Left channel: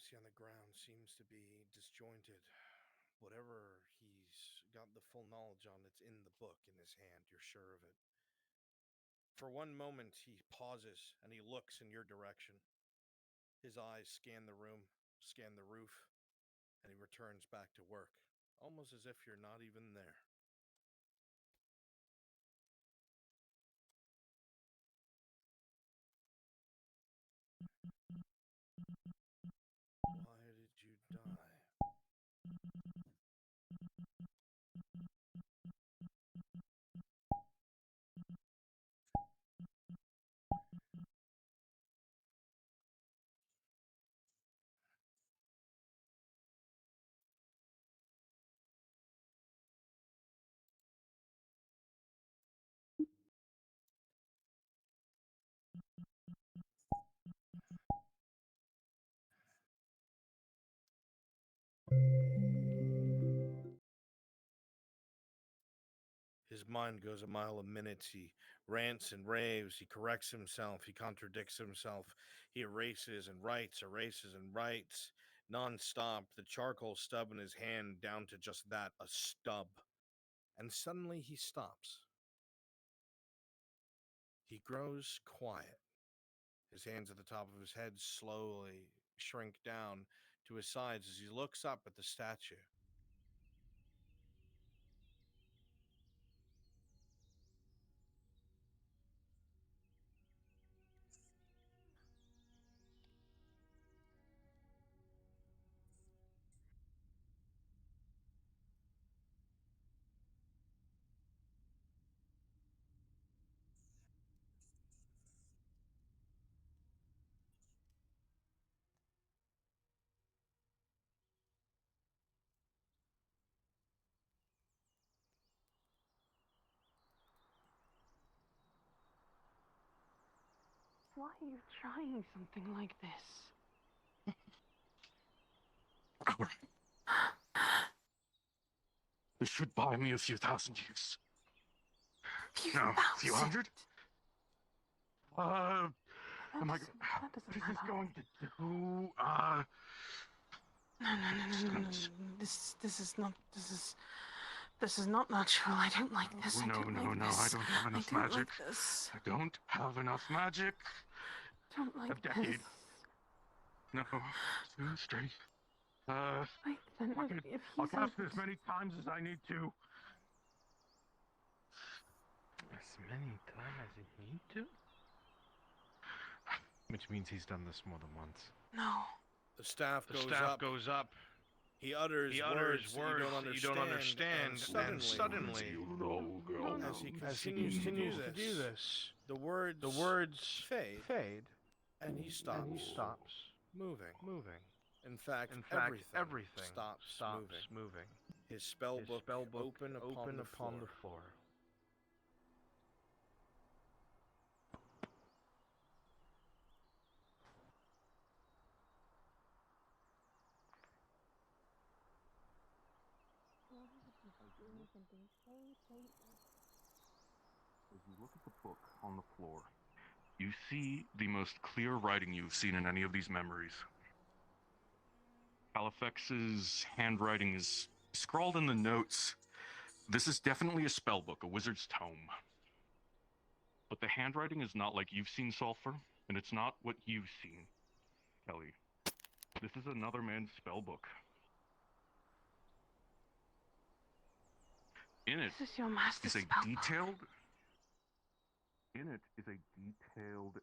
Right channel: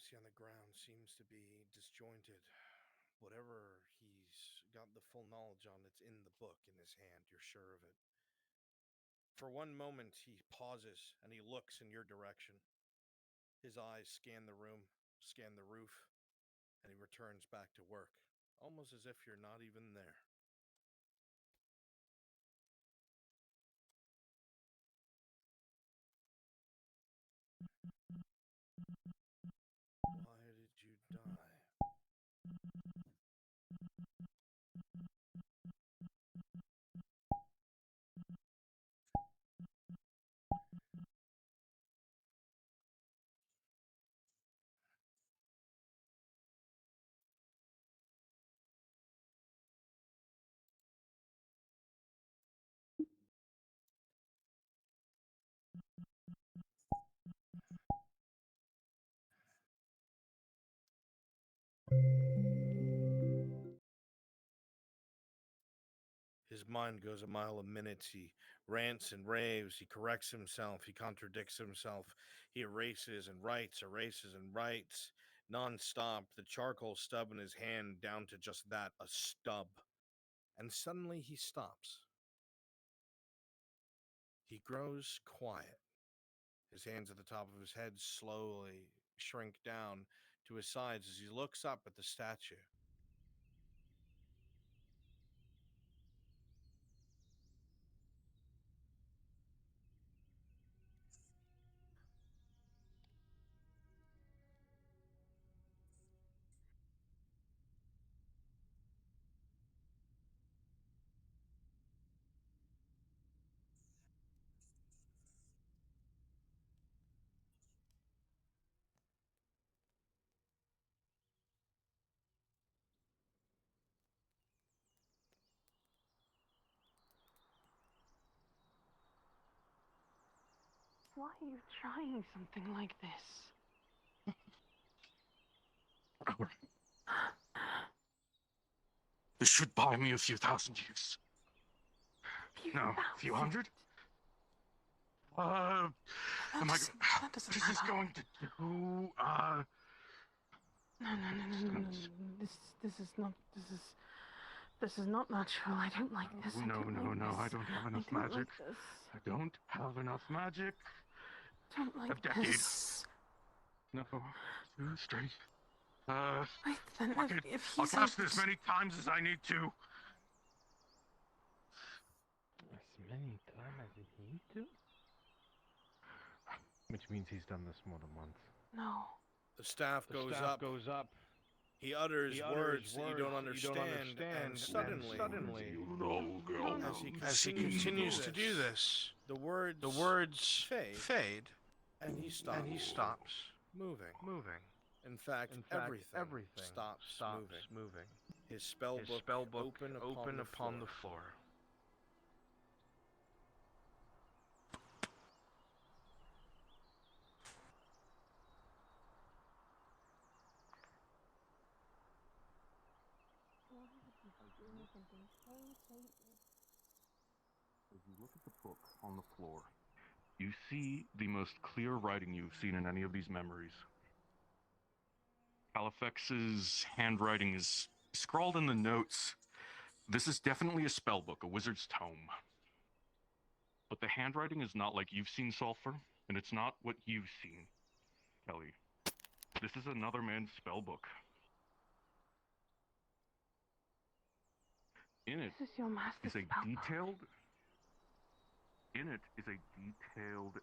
you see on the ground seems to be disjointed. Whatever he's got the full knowledge on, it's in the book in his hand, you're sure of it. For one moment, he pauses and he looks in your direction. His eyes scan the room, scan the roof, and he returns back to work, almost as if you're not even there. Why did you die? His mind goes a mile a minute. He rants and raves. He corrects himself. He contradicts himself. He erases and writes nonstop. The charcoal stub in his hand down to just that, a stub. And suddenly he stops. He grows quiet. His hands at the top of his head slowly shrink down to his sides as he looks up at the statue. Why are you trying something like this? This should buy me a few thousand years. No, a few hundred? What is this going to do? No. This is not natural. I don't like this. No, I don't like this. I don't have enough I don't magic. like this. I don't have enough magic. Don't like A decade. this. No, 2, 3. Wait, then if I'll he's cast able as many times as I need to. As many times as you need to? Which means he's done this more than once. No. The staff goes up. He utters words that you don't understand, and suddenly, as he continues to do this, the words fade, and he stops moving. In fact, everything stops moving. His spellbook open upon the floor. As you look at the book on the floor, you see the most clear writing you've seen in any of these memories. Kalafax's handwriting is scrawled in the notes. This is definitely a spell book, a wizard's tome. But the handwriting is not like you've seen, Sulfur, and it's not what you've seen, Kelly. This is another man's spell book. In it This is your master's is a spell. detailed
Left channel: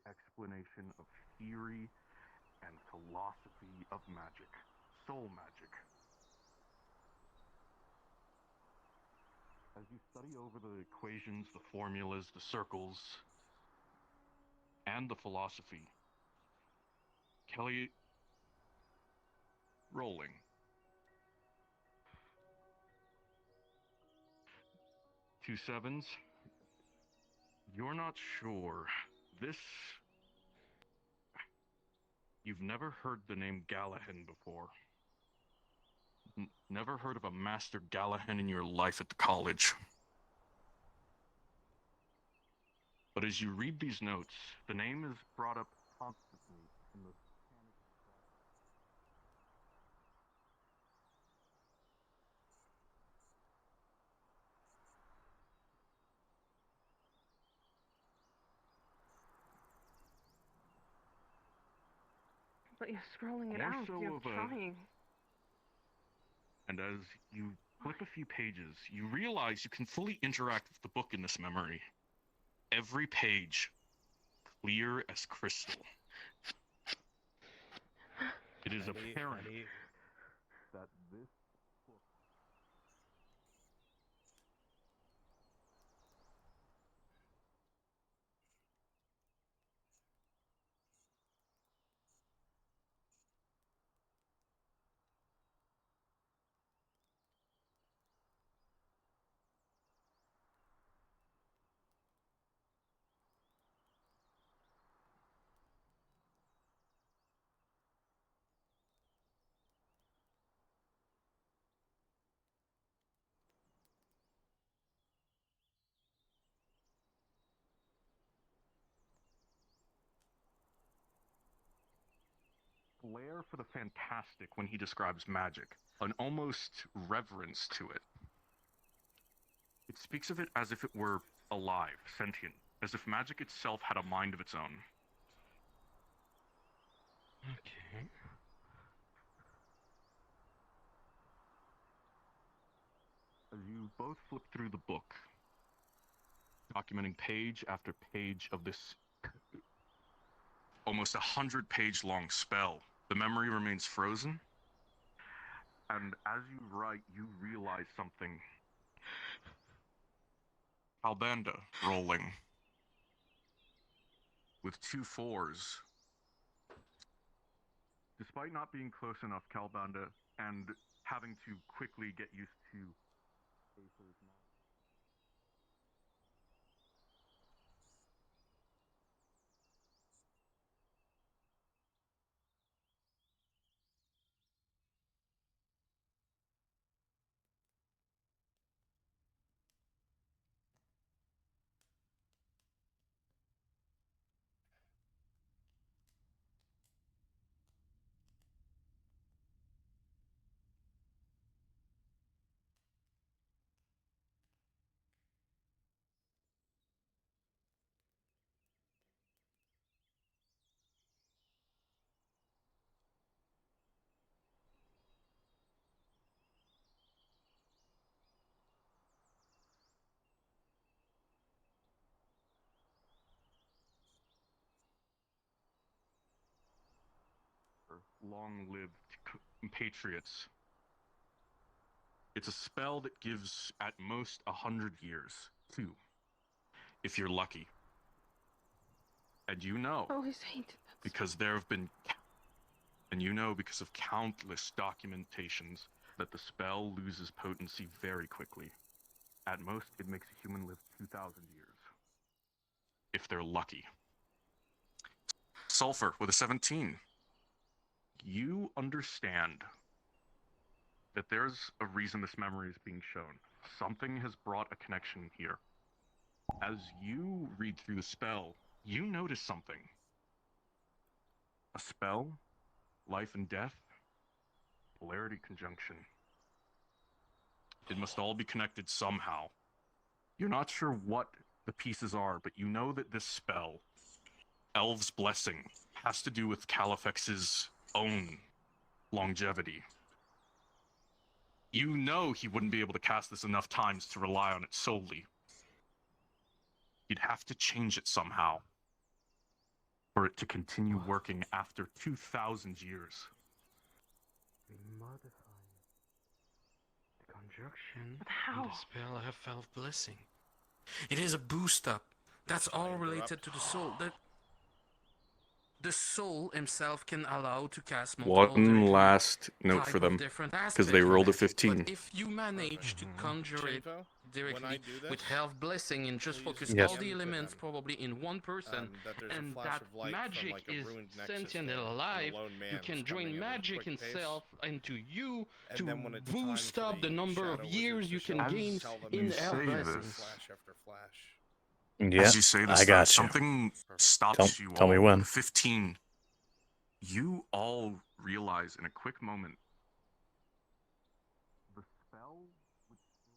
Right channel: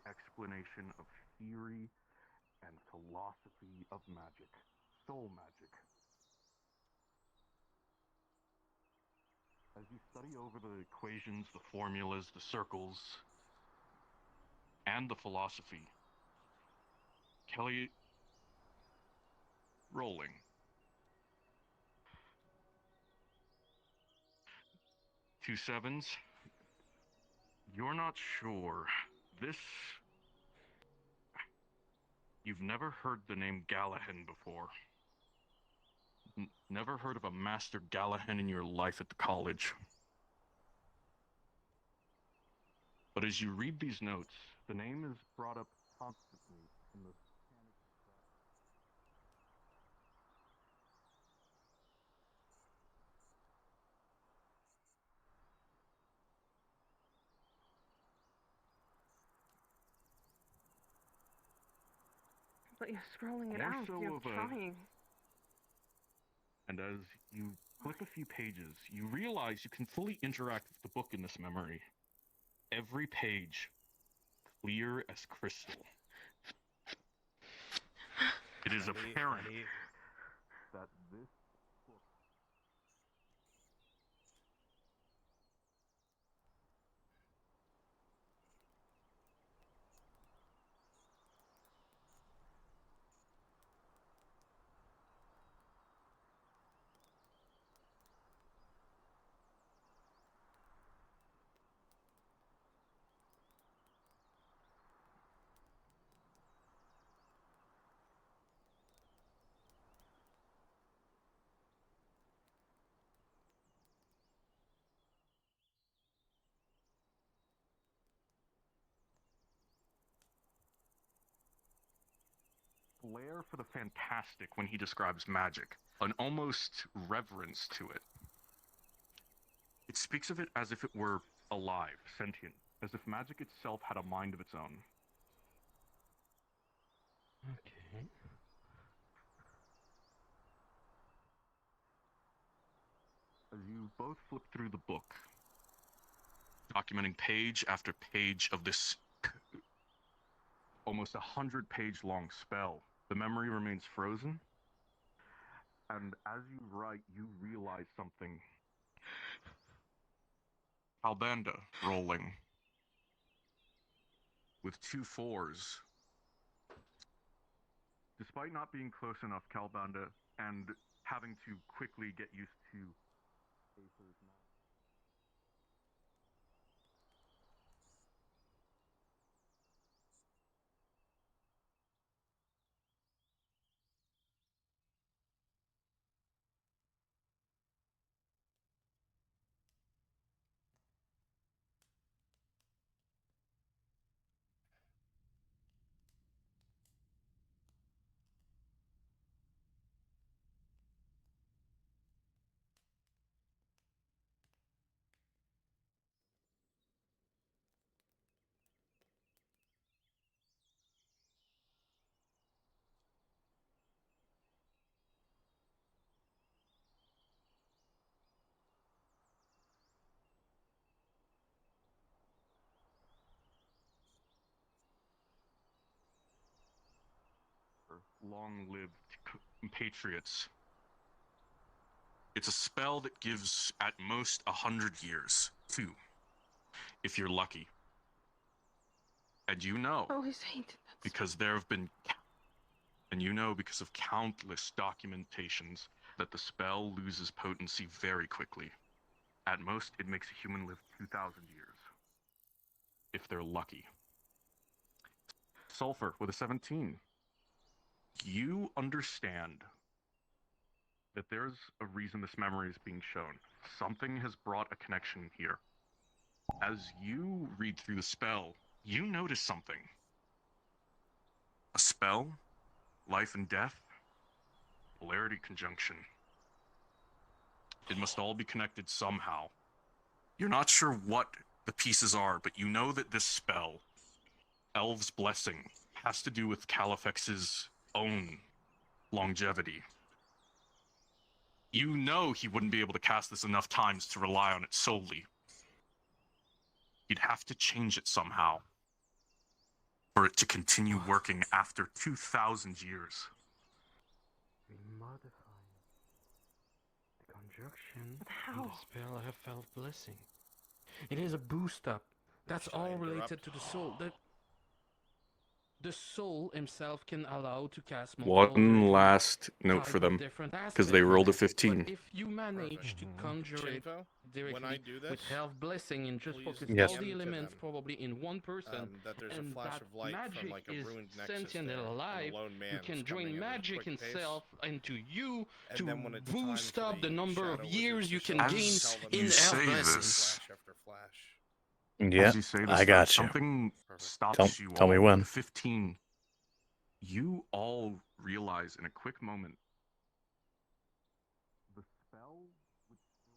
explanation of theory and philosophy of magic, soul magic. As you study over the equations, the formulas, the circles, and the philosophy, Kelly, rolling. Two sevens. You're not sure. You've never heard the name Gallahan before. Never heard of a Master Gallahan in your life at the college. But as you read these notes, the name is brought up constantly in the But you're scrolling it out. More so You're of a- trying. And as you flip a few pages, you realize you can fully interact with the book in this memory. Every page, clear as crystal. It is apparent that this book flair for the fantastic when he describes magic, an almost reverence to it. It speaks of it as if it were alive, sentient, as if magic itself had a mind of its own. Okay. As you both flip through the book, documenting page after page of this almost 100-page long spell, the memory remains frozen. And as you write, you realize something. Albanda rolling with 2 4s. Despite not being close enough, Calbanda, and having to quickly get used to Aether's magic. Long-lived compatriots. It's a spell that gives at most 100 years, 2, if you're lucky. And you know, Always hated that. because there have been, and you know because of countless documentations, that the spell loses potency very quickly. At most, it makes a human live 2,000 years, if they're lucky. Sulfur with a 17. You understand that there's a reason this memory is being shown. Something has brought a connection here. As you read through the spell, you notice something. A spell, life and death, polarity conjunction. It must all be connected somehow. You're not sure what the pieces are, but you know that this spell, Elv's Blessing, has to do with Kalafax's own longevity. You know he wouldn't be able to cast this enough times to rely on it solely. He'd have to change it somehow for it to continue working after 2,000 years. Modify the conjunction But and how? the spell of Elf Blessing. It is a boost up. That's Shall I all related interrupt? to the soul. The soul himself can allow to cast multiple One last note type for of them, different because they aspects rolled a of it. 15. But if you manage to conjure it Chinko, directly when I do this, with Health Blessing and just please focus Yes. all the DM to elements them, probably in one person, that there's a and flash that of light from magic like a is ruined nexus sentient there, and and alive, a lone you man can join coming at a magic quick pace. itself into you And to then when it's time boost for up the number of shadow years wizards you to can show up, gain tell them you in there's Health say Blessing. this. flash after flash. Yeah, As you say this, I though, got you. something Perfect. stops you Tell all. me when. 15. You all realize in a quick moment the spell would still.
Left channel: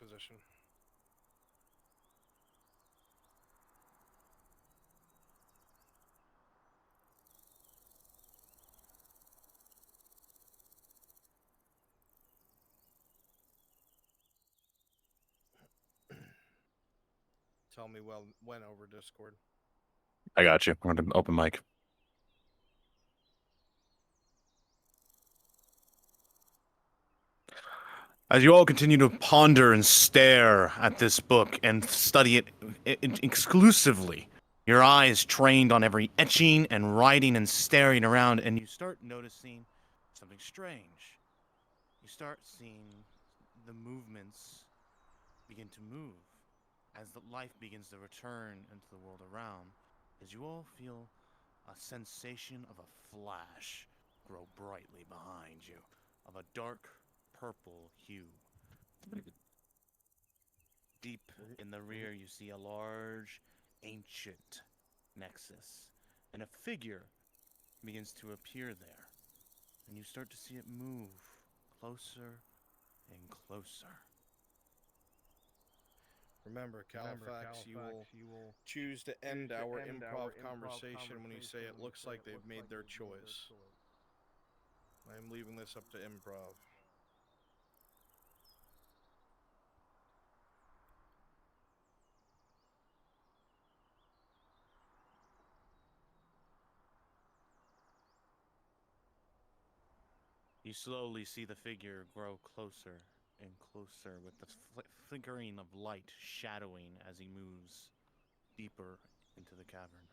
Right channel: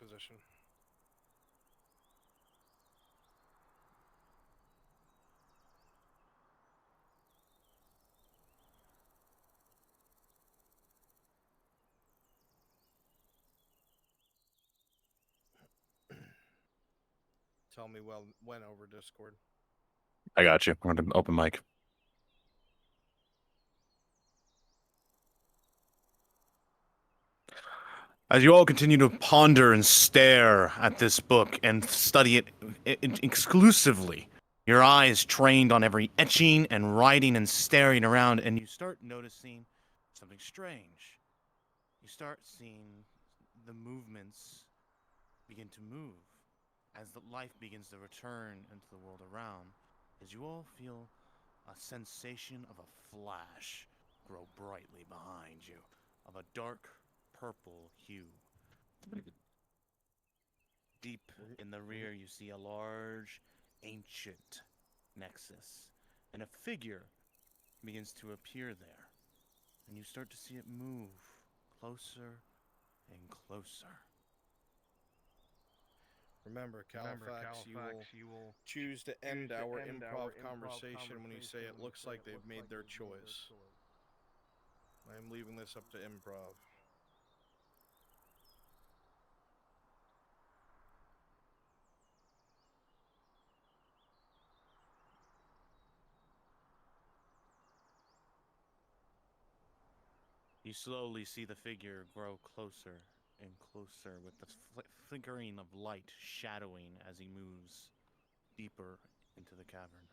position. Tell me when over Discord. I got you. I'm going to open mic. As you all continue to ponder and stare at this book and study it exclusively, your eyes trained on every etching and writing and staring around, and you start noticing something strange. You start seeing the movements begin to move as the life begins to return into the world around, as you all feel a sensation of a flash grow brightly behind you, of a dark purple hue. Deep in the rear, you see a large, ancient nexus, and a figure begins to appear there, and you start to see it move closer and closer. Remember, Kalafax, you will choose to end our improv conversation when you say it looks like they've made their choice. I am leaving this up to improv. You slowly see the figure grow closer and closer with the flickering of light shadowing as he moves deeper into the cavern.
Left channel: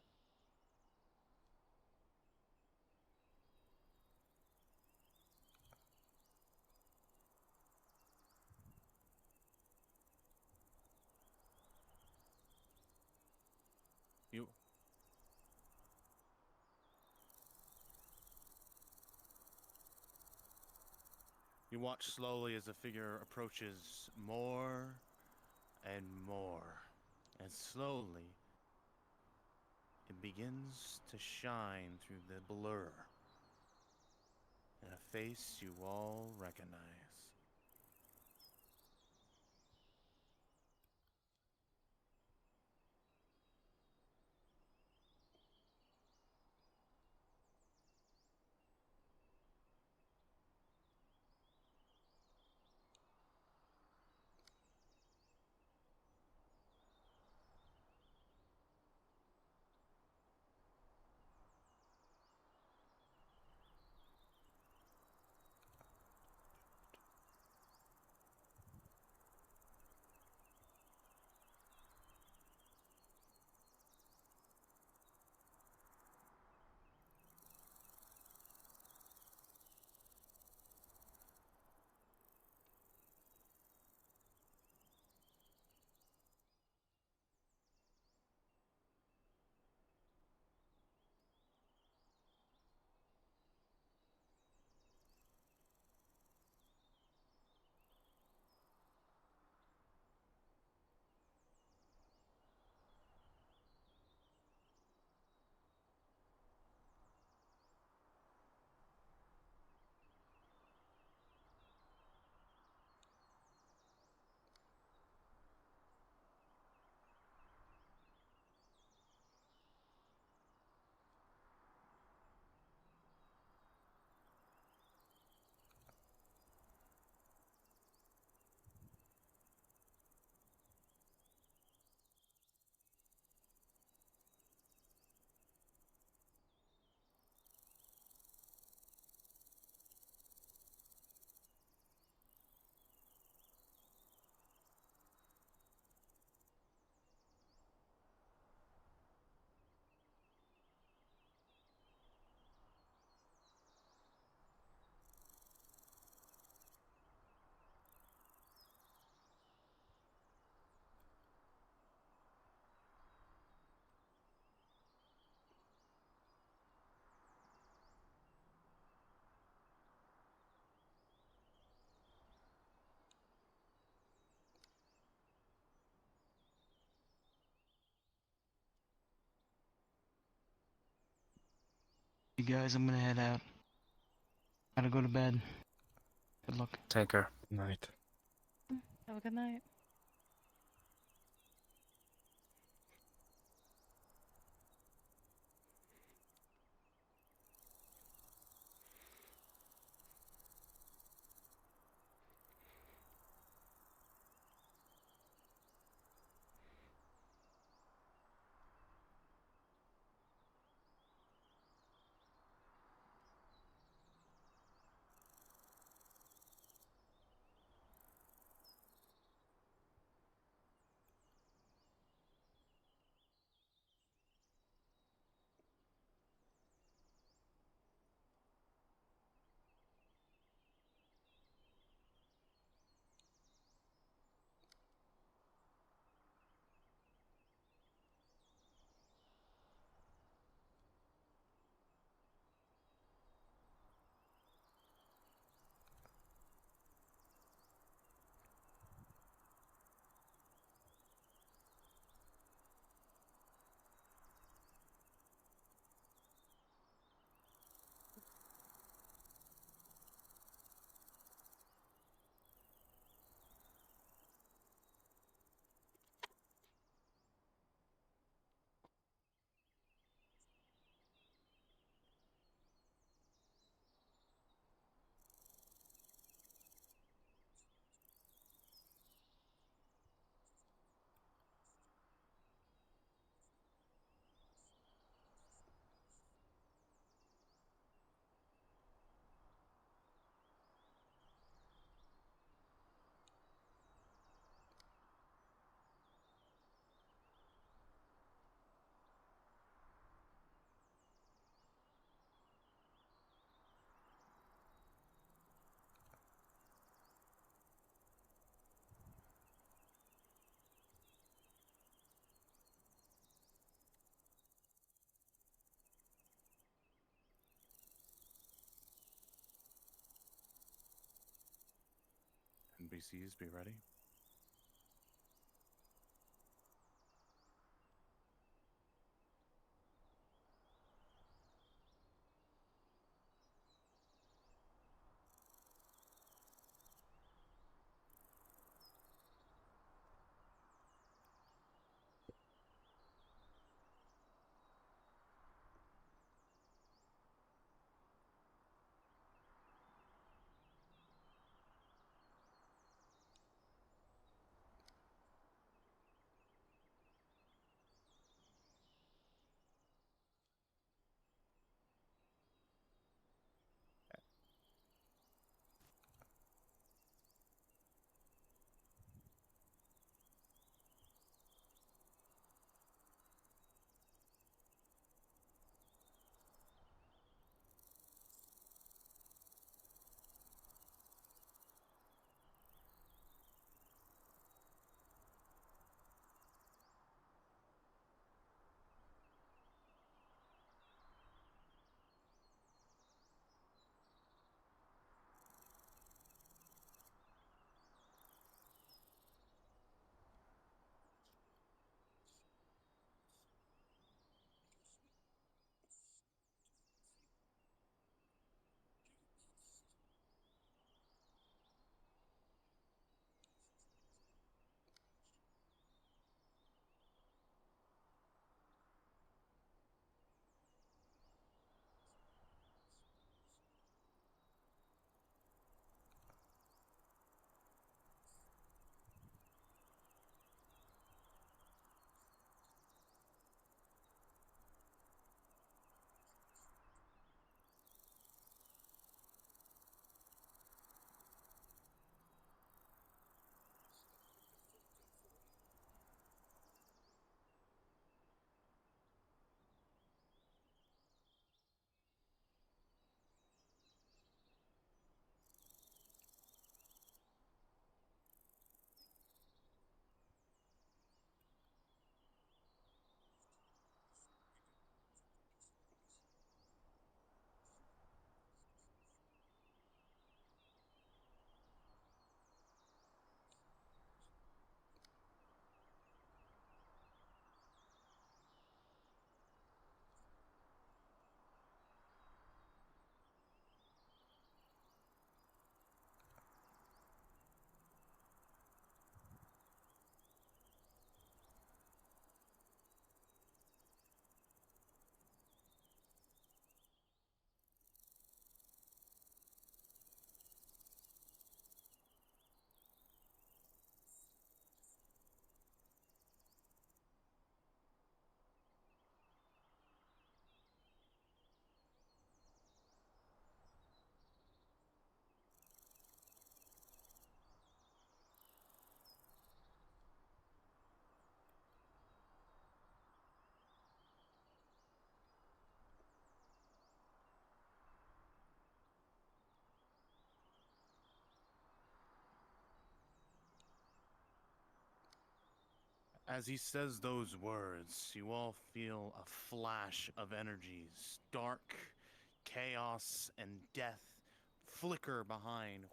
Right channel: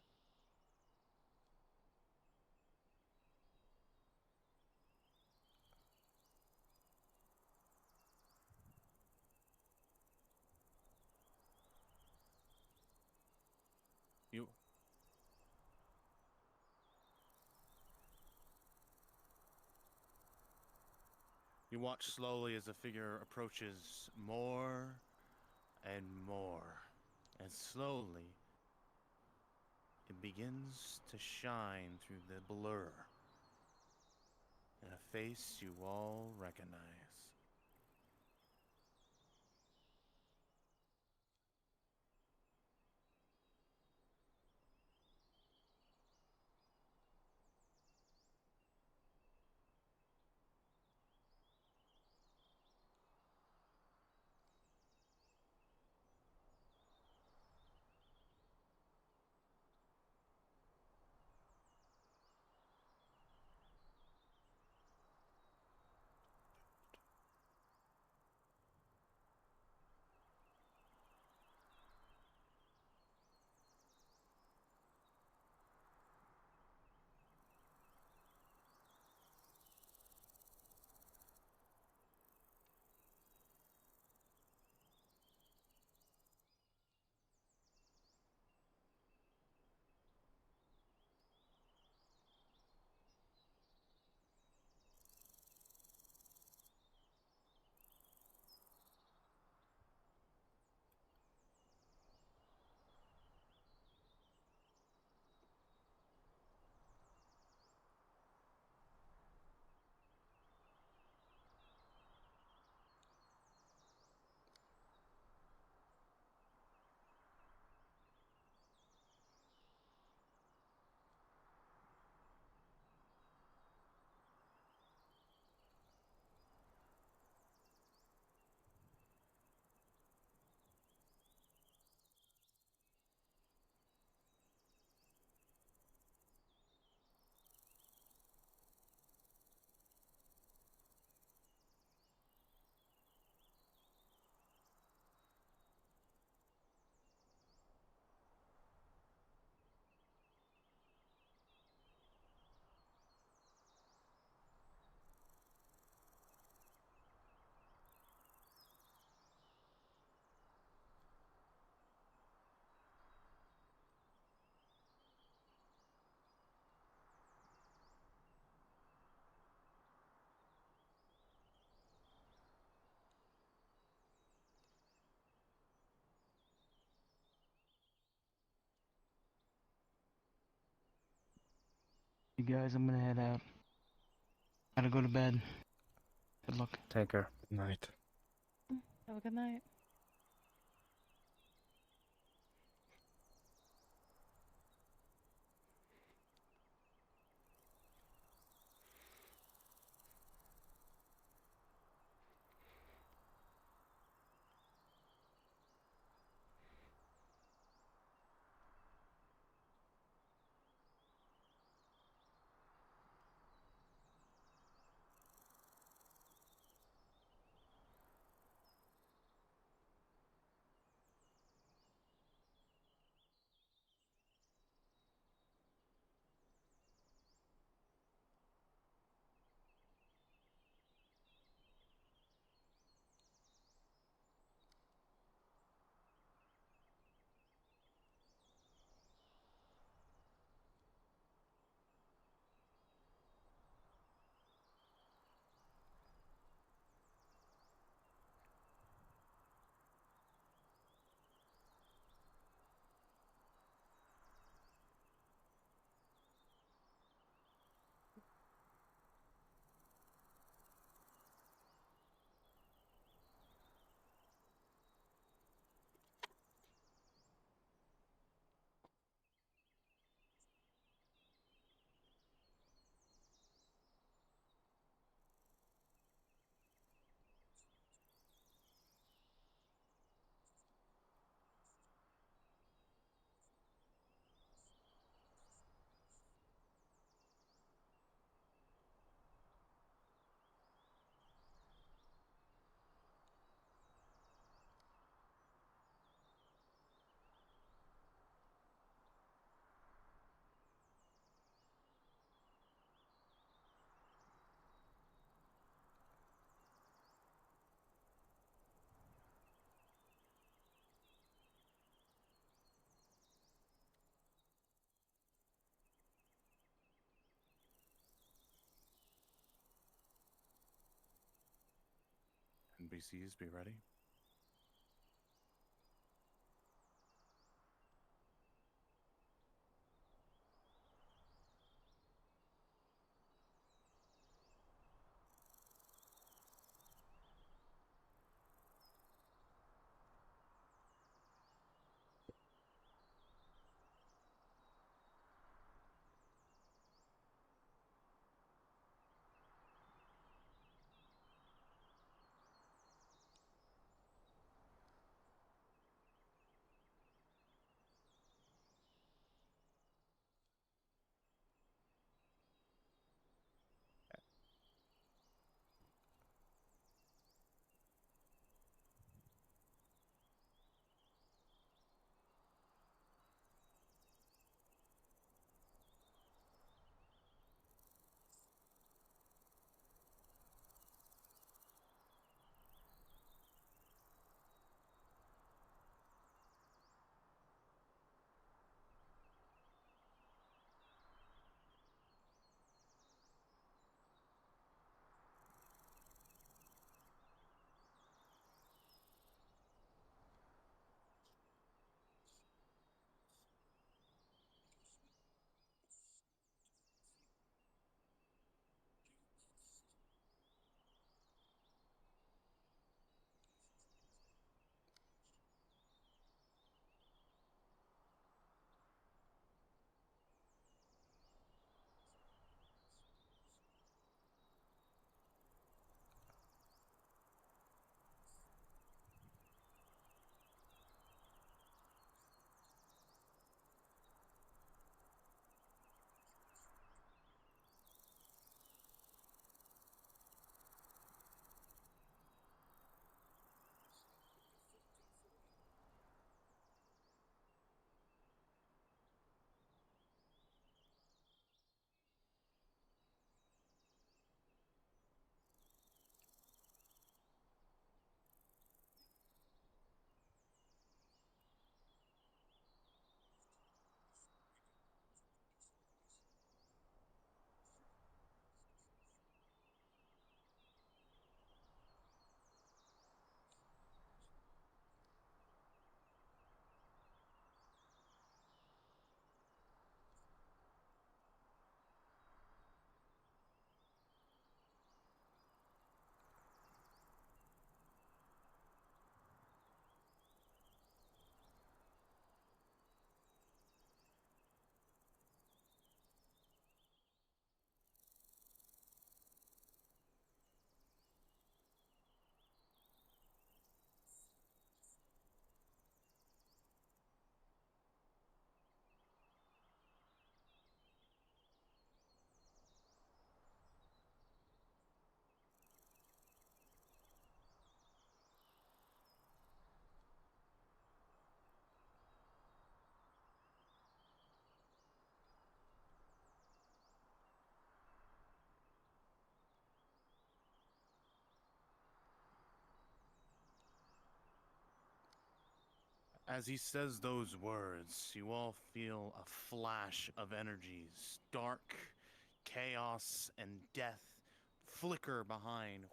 You watch slowly as the figure approaches more and more, and slowly it begins to shine through the blur in a face you all recognize. You guys, I'm gonna head out. Gotta go to bed. Good luck. Take care. Night. Have a good night. NPCs be ready. As he says those words, you all feel a flash of energies, dark, chaos, and death flicker behind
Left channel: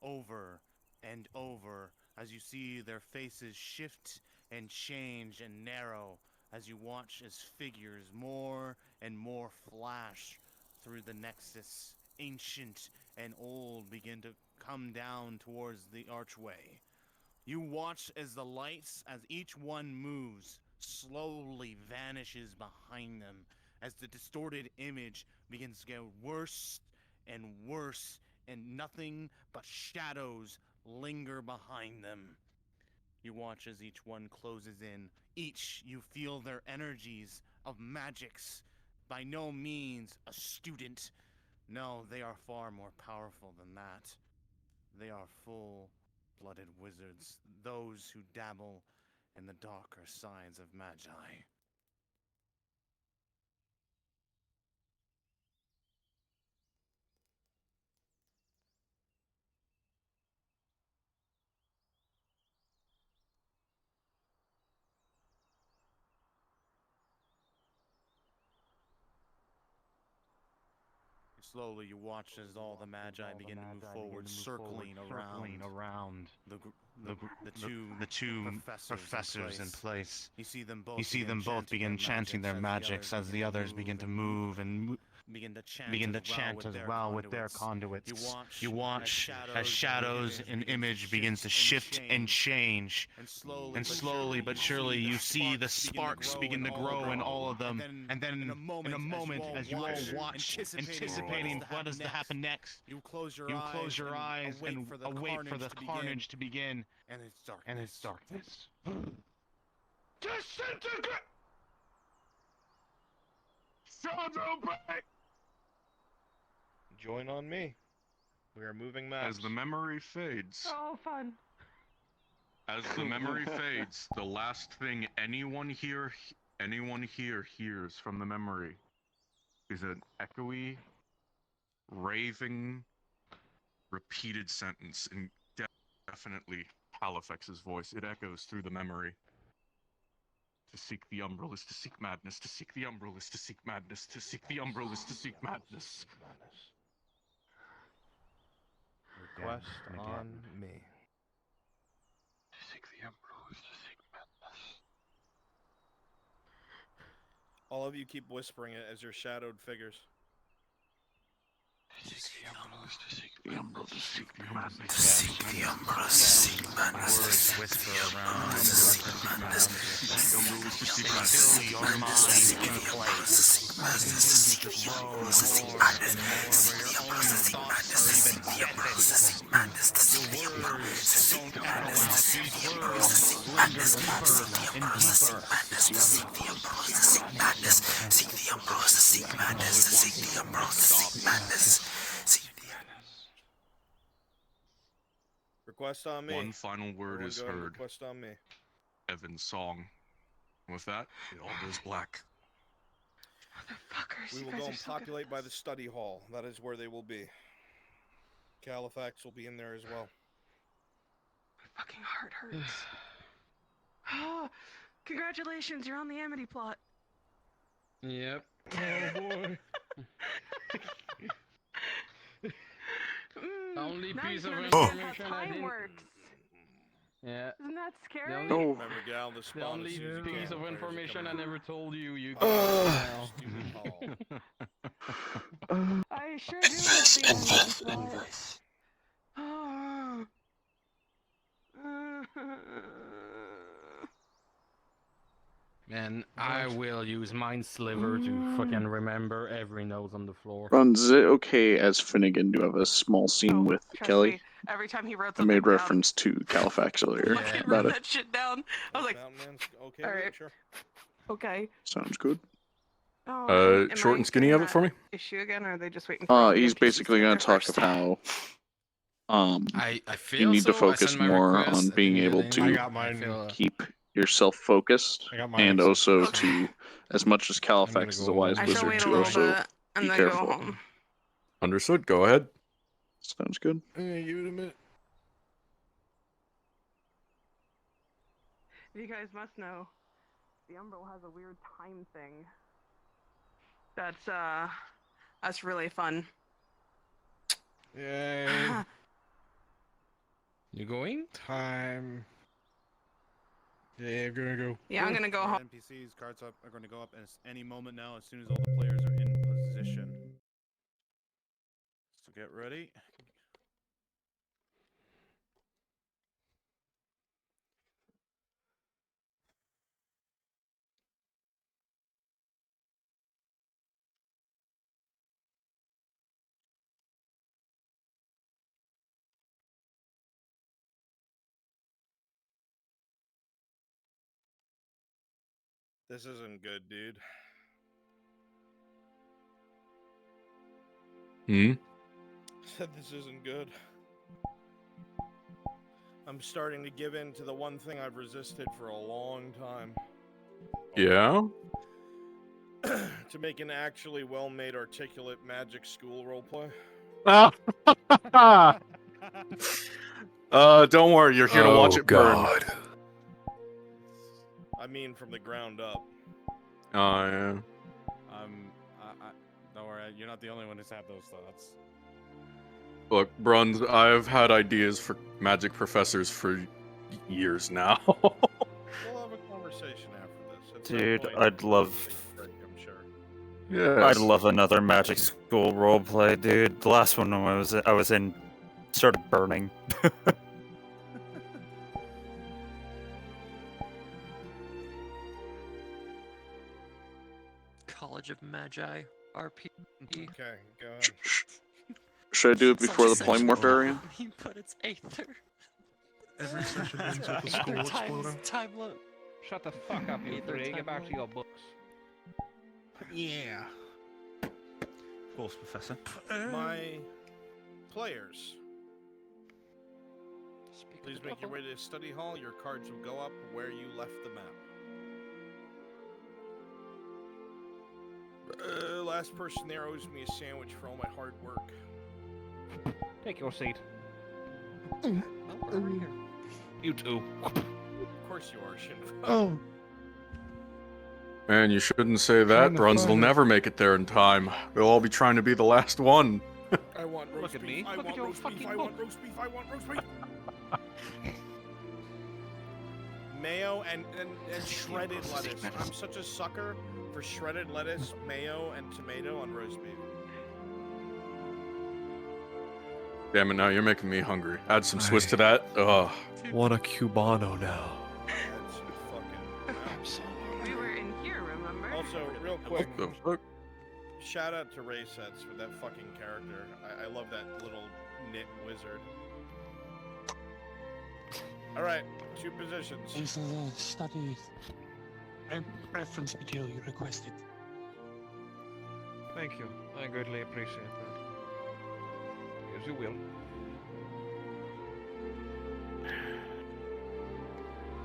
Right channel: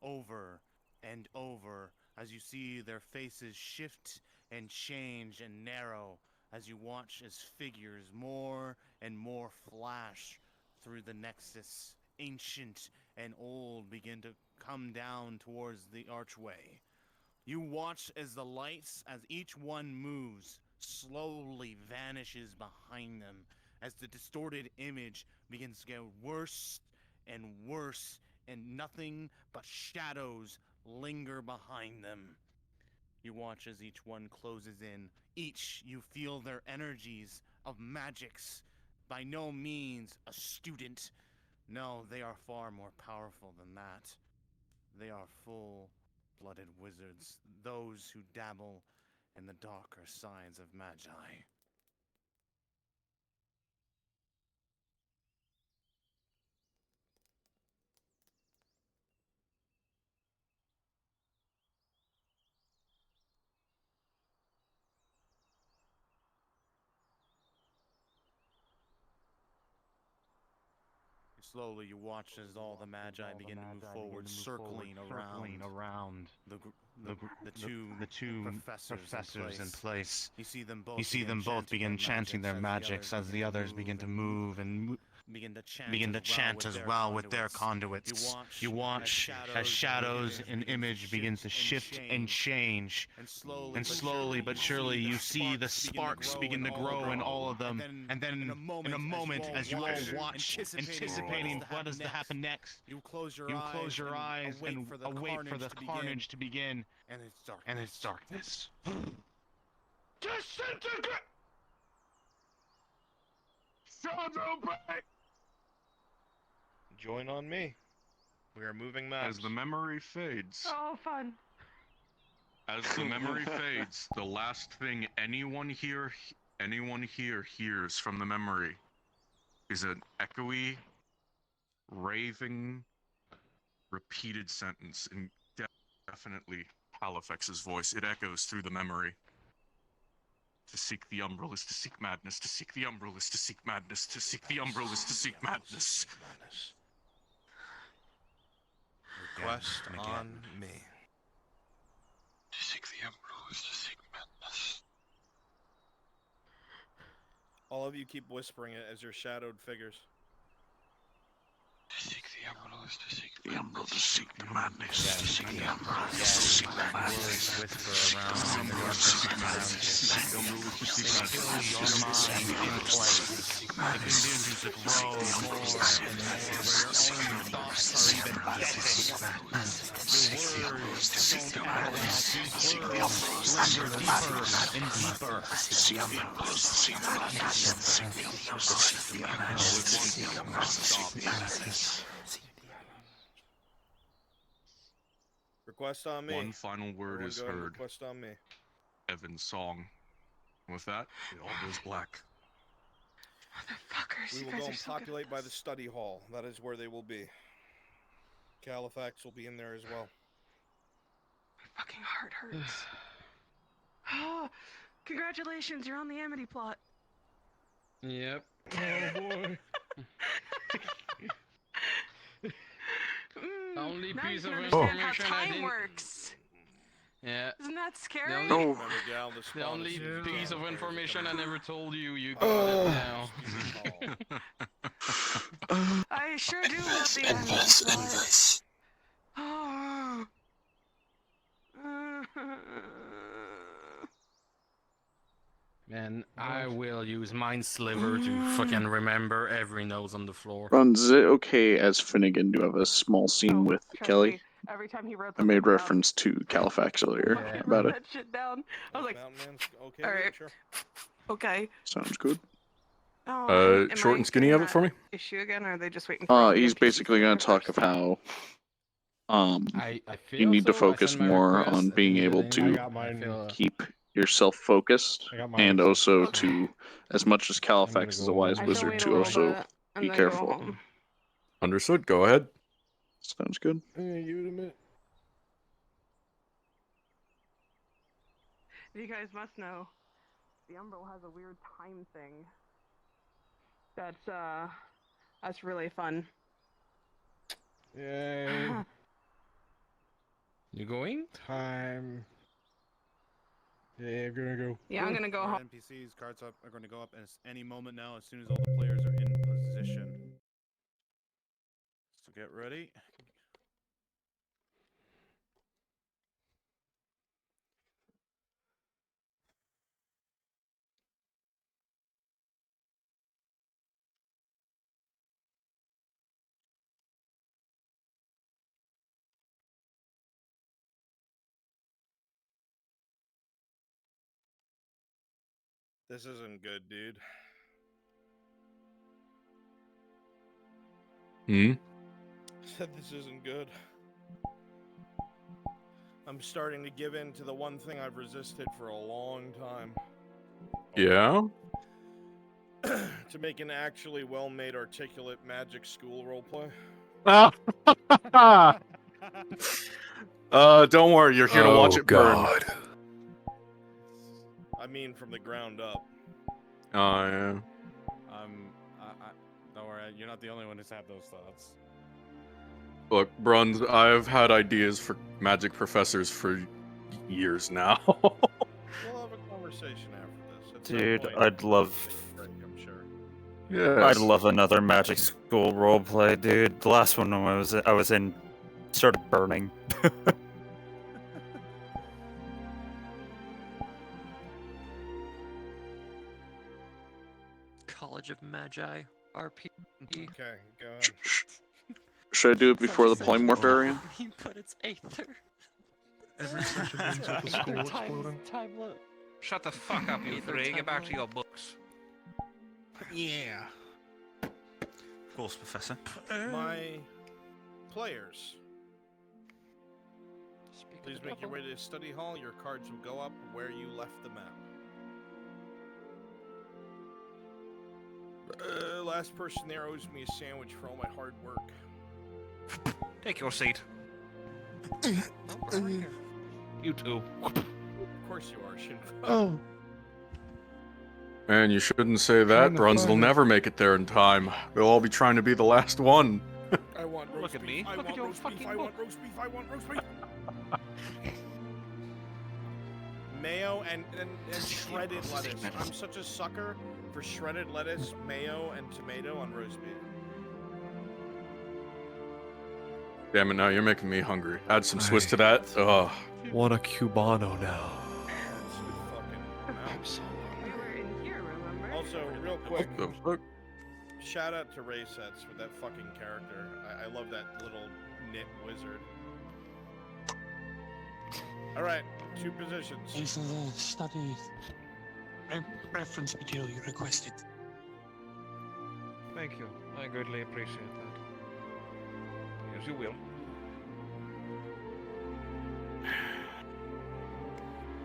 over and over as you see their faces shift and change and narrow as you watch as figures more and more flash through the nexus, ancient and old, begin to come down towards the archway. You watch as the lights, as each one moves, slowly vanishes behind them, as the distorted image begins to get worse and worse, and nothing but shadows linger behind them. You watch as each one closes in. Each, you feel their energies of magics. By no means a student. No, they are far more powerful than that. They are full-blooded wizards, those who dabble in the darker sides of magi. You Slowly, you watch as all the magi begin to move forward, circling around the two professors in place. You see them both begin chanting their magics as the others begin to move and begin to chant as well with their conduits. You watch as shadows and image begin to shift and change. And slowly but surely you see the sparks begin to grow in all of them. And then in a moment, as you all watch, anticipating what is to happen next, you close your eyes and await for the carnage to begin. And it's darkness. Disintegrate! Join on me. We are moving maps. As the memory fades. Oh, fun. As the memory fades, the last thing anyone here hears from the memory is an echoey, raving, repeated sentence in definitely Kalafax's voice. It echoes through the memory. To seek the umbral is to seek madness. To seek the umbral is to seek madness. To seek the umbral is to seek madness. Request on me. To seek the umbral is to seek madness. All of you keep whispering it as your shadowed figures. To seek the umbral is to seek the umbral to seek the madness. Seek the umbral is to seek madness. Words whisper around in the darkness around you. Seek the umbral is to seek madness. Your mind in place. Begin to grow more and more where your own thoughts are even deafened. Your words don't add up. These words linger deeper and deeper. All at once, stop. Request on me. One final word Everyone is go ahead and heard. Request on me. Evan's song. And with that, it all goes black. Motherfuckers. We will go and populate by the study hall. That is where they will be. Kalafax will be in there as well. My fucking heart hurts. Oh, congratulations, you're on the Amity plot. Yep. Oh boy. Only now piece you of can information understand how I time didn't. works. Yeah. Isn't that scary? only- Oh, Remember, Gal, the The spawn only as soon as you piece can. of Players are information I coming in. never told you. You Oh. got it now. I sure do miss the Amity plot. Oh. Man, I will use Mind Sliver to fucking remember every nose on the floor. Runs, is it okay as Finnegan to have a small scene with Trust Kelly? me, every time he wrote I made something down, reference to Calafax earlier Yeah. about it. that shit down. I was like, Mountain Man's okay all with it? right. Sure. okay. Sounds good. Oh, am short I and skinny getting of it for that me? Issue again, or are they just waiting for He's NPCs basically get going there to talk first? of how I feel you need to so. I focus sent my more request, on I being didn't able get in. to I feel, keep yourself focused, I got mine and also accepted, so to, as much as Calafax is a go wise home. I shall wizard, wait a to little also bit and be then careful. Go home. Understood. Go ahead. Sounds good. Give it a minute. You guys must know, the Umbral has a weird time thing. That's really fun. Yay. You going? Time. Yeah, I'm gonna go. Yeah, I'm gonna go home. NPCs, cards up, are going to go up any moment now as soon as all the players are in position. So get ready. This isn't good, dude. Hmm? Said this isn't good. I'm starting to give in to the one thing I've resisted for a long time. Yeah? To make an actually well-made, articulate magic school roleplay. Don't worry, you're here to watch it burn. I mean, from the ground up. Oh, yeah. Don't worry, You're not the only one who's had those thoughts. Look, Bruns, I've had ideas for magic professors for years now. We'll have a conversation after this. At some Dude, point, I'd love. take a break, I'm sure. I'd Yes. love another magic school roleplay, dude. The last one I was in started burning. College of Magi, RP. Okay, go ahead. Should I do it before the polymorph area? But it's Aether. Every session ends Sure. with a skull Aether exploding. times time loop. Shut the fuck up, you Either three. Get back to timeline. your books. Yeah. Of course, Professor. My players, Speak of please the make your devil. way to study hall. Your cards will go up where you left the map. Last person there owes me a sandwich for all my hard work. Take your seat. You too. Of course you are, Shinra. Oh. Man, you shouldn't say that. Bruns will never make it there in time. They'll all be trying to be the last one. I want roast Look at beef. me. I Look want at your roast beef. fucking I want book. roast beef. I want roast beef. Mayo and shredded lettuce. I'm such a sucker for shredded lettuce, mayo, and tomato on roast beef. Damn it, now you're making me hungry. Add some Swiss to that. Ugh. Want a Cubano now? Add some fucking mounts. We were in here, remember? Also, real quick, What the fuck? shout out to Ray Sets for that fucking character. I love that little knit wizard. All right, 2 positions. This is a study reference material you requested. Thank you. I greatly appreciate that. Yes, you will.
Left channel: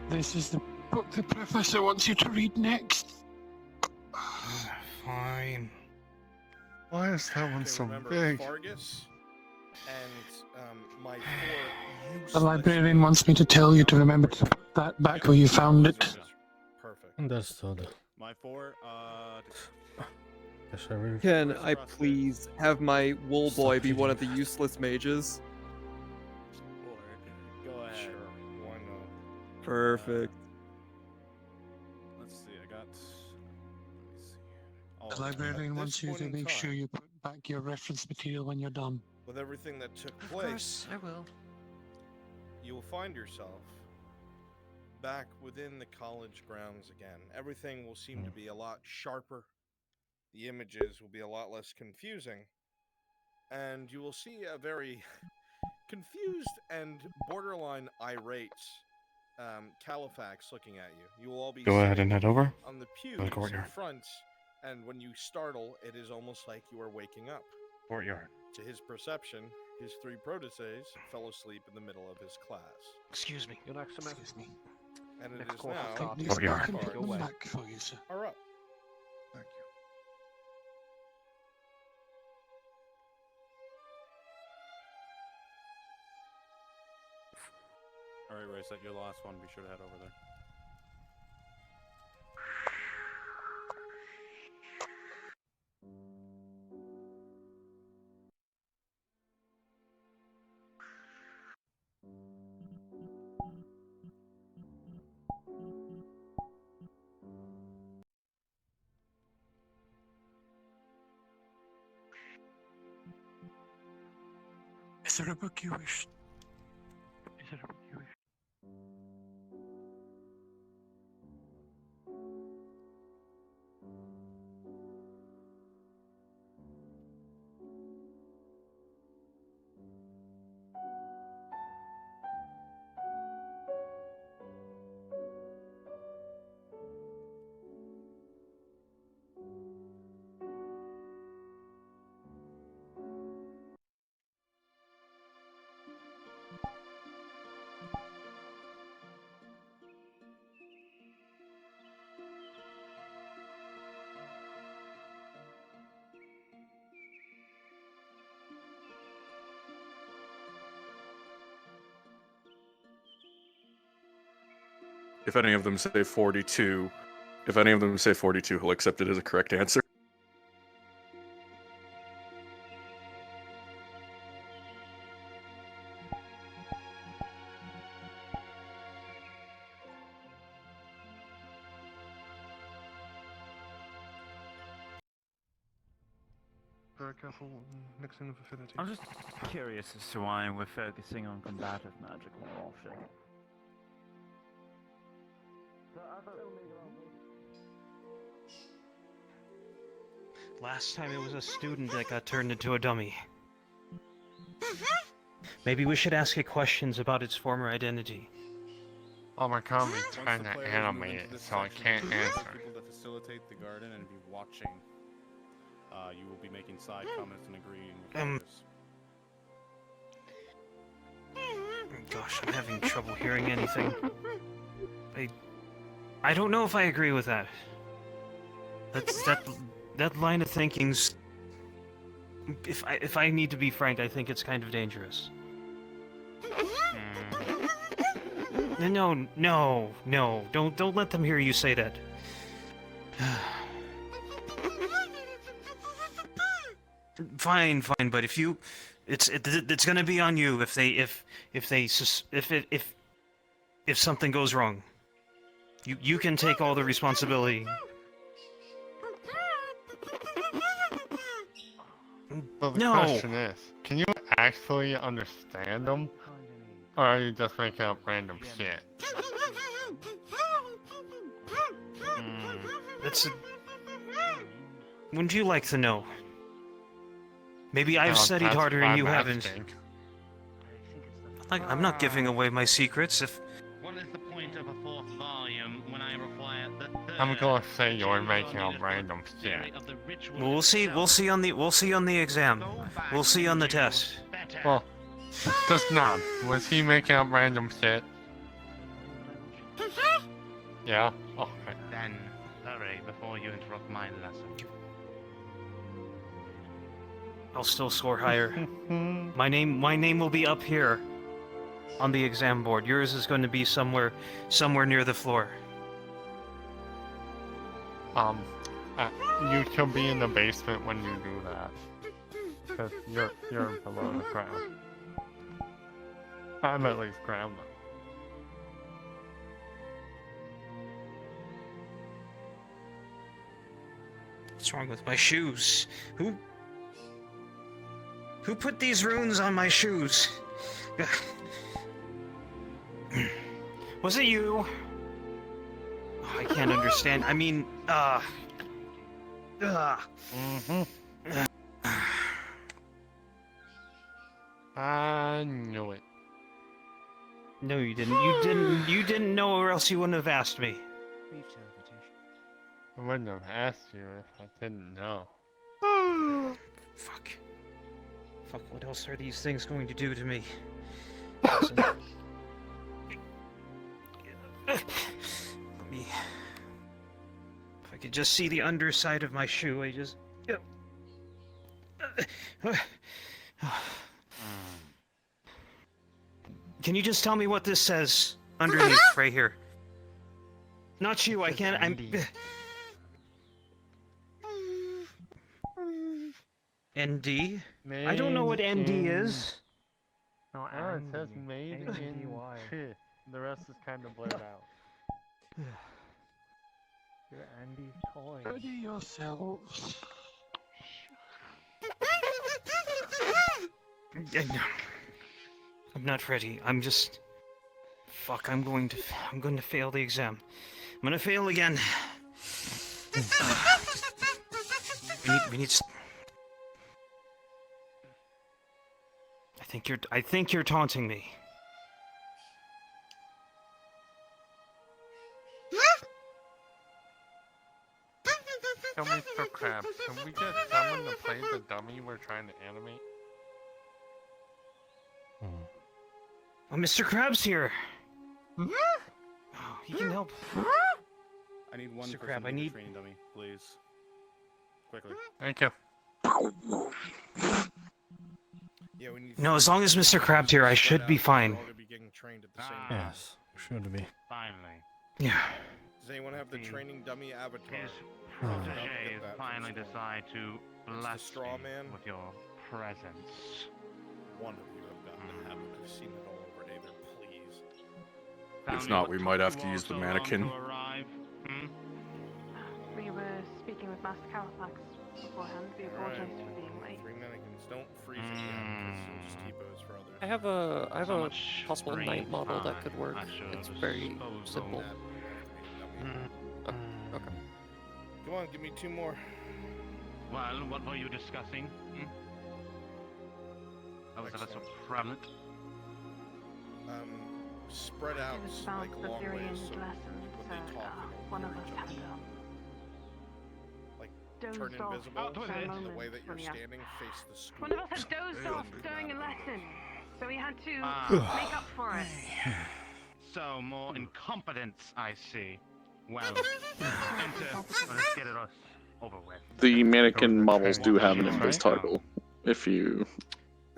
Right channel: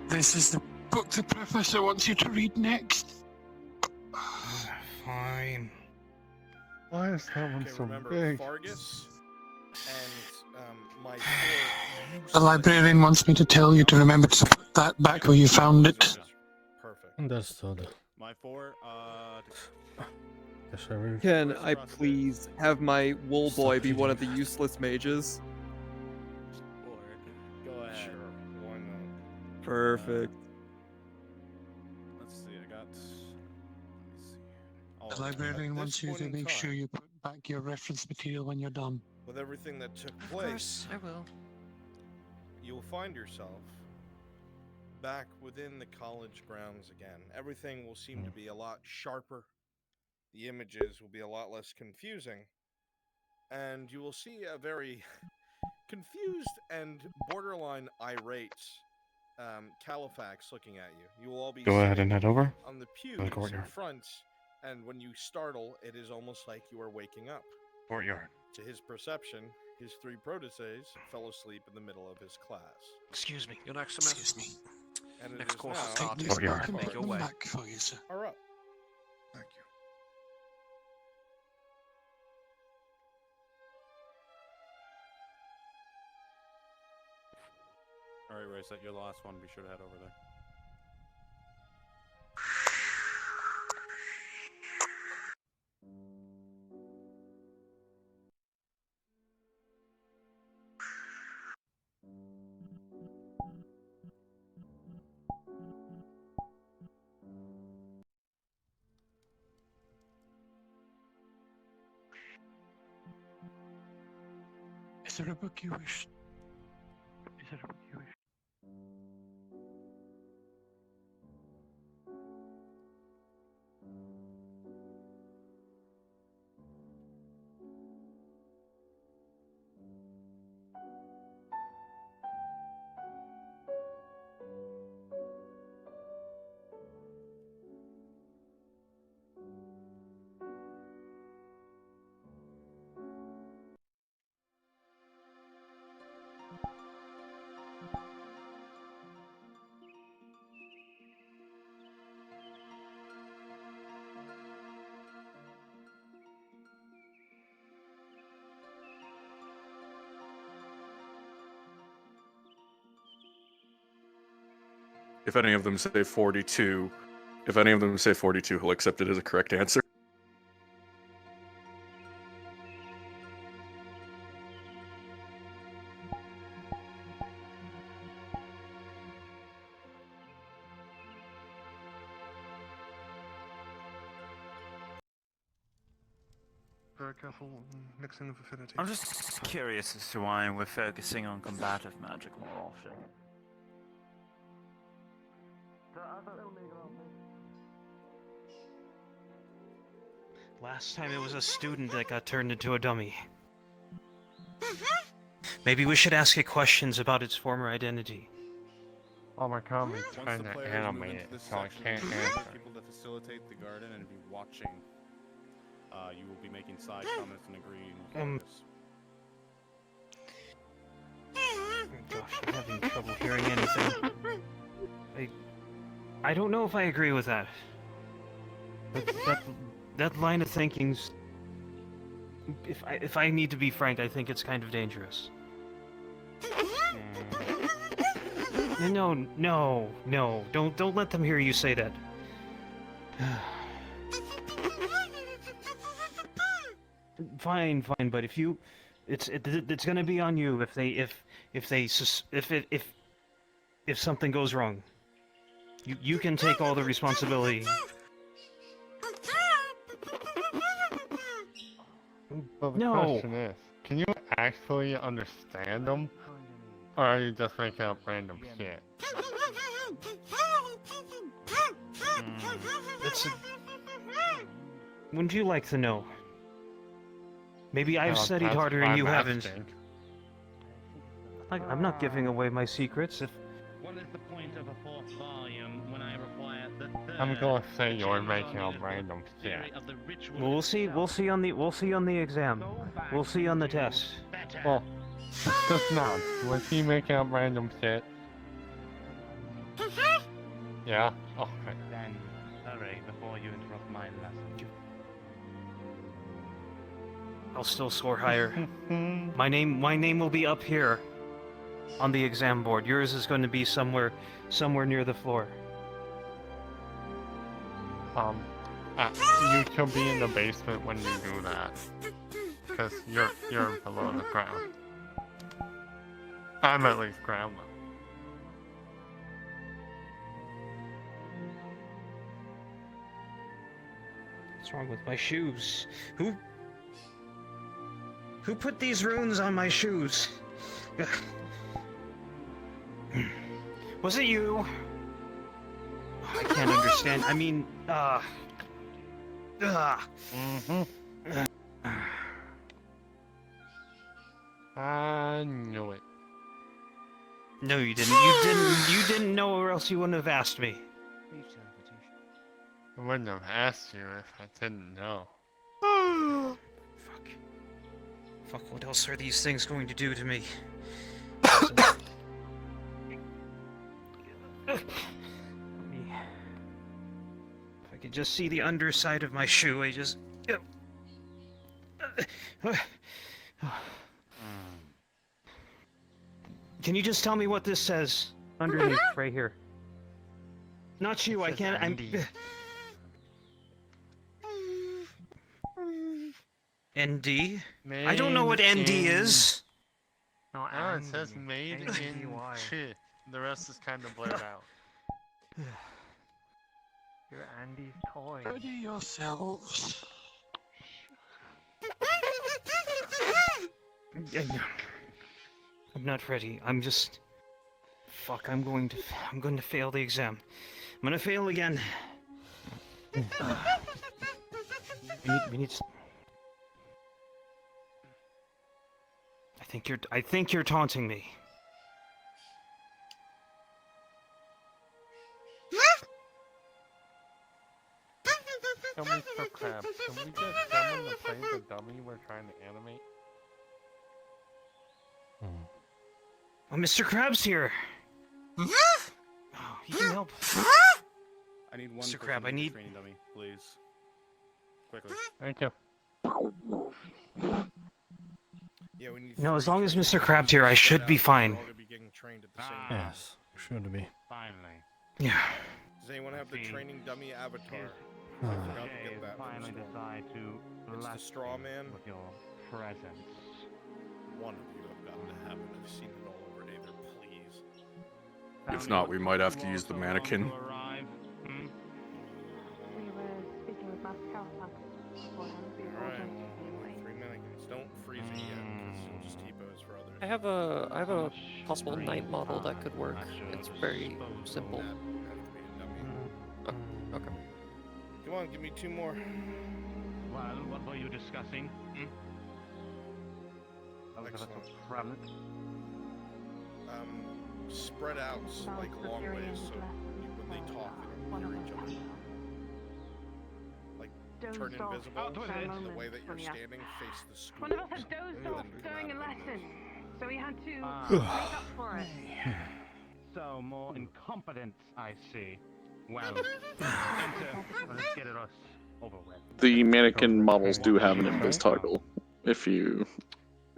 This is the book the professor wants you to read next. Fine. Why is that one Okay, so remember big? Fargus and my 4 The useless librarian wants me to tell you to remember to put that back where you found it. Perfect. Understood. My 4, Yes, I will. Can First I thrust is- please have my wool boy be one of the Succeeding. useless mages? Go ahead. Sure, why not? Perfect. Let's see. I got. Let me see. Oh, The librarian At wants this you point to in make sure time- you put back your reference material when you're done. With everything that took Of place, course, I will. you will find yourself back within the college grounds again. Everything will seem to be a lot sharper. The images will be a lot less confusing. And you will see a very confused and borderline irate Kalafax looking at you. You will all be Go ahead sitting and head over. on the pews in courtyard. front, and when you startle, it is almost like you are waking up. Courtyard. To his perception, his 3 protégés fell asleep in the middle of his class. Excuse me. Your next semester. Excuse me. And it Next is course is now starting. Take these Courtyard. back and Cards put them Away. back for you, sir. are up. Thank you. All right, Race, you're the last one. Be sure to head over there. Is there a book you wish? Is it what you wish? If any of them say 42, he'll accept it as a correct answer. Very careful mixing of affinity. I'm just curious as to why we're focusing on combative magic more often. Last time it was a student that got turned into a dummy. Maybe we should ask it questions about its former identity. Oh my god, we Once trying the to players move animate into it, this so I section, can't there are answer. people to facilitate the garden and be watching. You will be making side comments and agreeing with this. Gosh, I'm having trouble hearing anything. I don't know if I agree with that. That line of thinking's... If I need to be frank, I think it's kind of dangerous. No, don't let them hear you say that. Fine, but if you, it's gonna be on you if something goes wrong. You can take all the responsibility. Well, the No. question is, can you actually understand them? Or are you just making up random shit? Wouldn't you like to know? Maybe I've Well, studied that's harder why and you I'm haven't. asking. I'm not giving away my secrets if... What is the point of a fourth volume when I require the third? I'm gonna say you're making up random shit. Well, we'll see on the exam. We'll see on the test. Well, just now, was he making up random shit? Yeah? Okay. Then, hurry before you interrupt my lesson. I'll still score higher. My name will be up here on the exam board. Yours is going to be somewhere near the floor. You can be in the basement when you do that. Because you're below the ground. I'm at least ground level. What's wrong with my shoes? Who put these runes on my shoes? Was it you? I can't understand. I mean, I knew it. No, you didn't. You didn't know, or else you wouldn't have asked me. I wouldn't have asked you if I didn't know. Fuck, what else are these things going to do to me? If I could just see the underside of my shoe, I just... Can you just tell me what this says underneath, right here? Not you, I can't... ND? I don't know what ND is. No, Aaron says made in shit. The rest is kind of blurred out. You're Andy's toy. Ready yourselves. I'm not ready. I'm just... Fuck, I'm going to fail the exam. I'm gonna fail again. we need... I think you're taunting me. Yo, Mr. Krabs, can we get someone to play the dummy we're trying to animate? Oh, Mr. Krabs here. Oh, he can help. I need one Mr. person Crab, to I be the need- training dummy, please. Quickly. Thank you. Yeah, we need No, as three long as training Mr. dummies Krabs here, I spread should be out, so fine. we're all gonna be getting trained at the same time. Yes, should be. Finally. Yeah. Does anyone have the training dummy avatar? Yes. I forgot to Okay, get that from finally Storm. decide to It's the bless straw me man. with your presence. One of you have gotten to have it. I've seen it all over Aether, please. If not, we might have to use the mannequin. We were speaking with Master Kalafax beforehand. We Alright, ordered well, to be late. freezing yet, because you'll just T-pose for others. I have a possible knight model that could work. It's very simple. That have to be a dummy. Oh, okay. Come on, give me 2 more. Well, what were you discussing? Excellent. Prevalent. Spread out like long ways, so when they talk, they don't hear each other. Like turn invisible, and the way that you're standing, face the school. One of us had dozed off during a lesson, so we had to make up for it. So more incompetence, I see. Well, enter. Let's get it over with. The mannequin models do have an invis toggle if you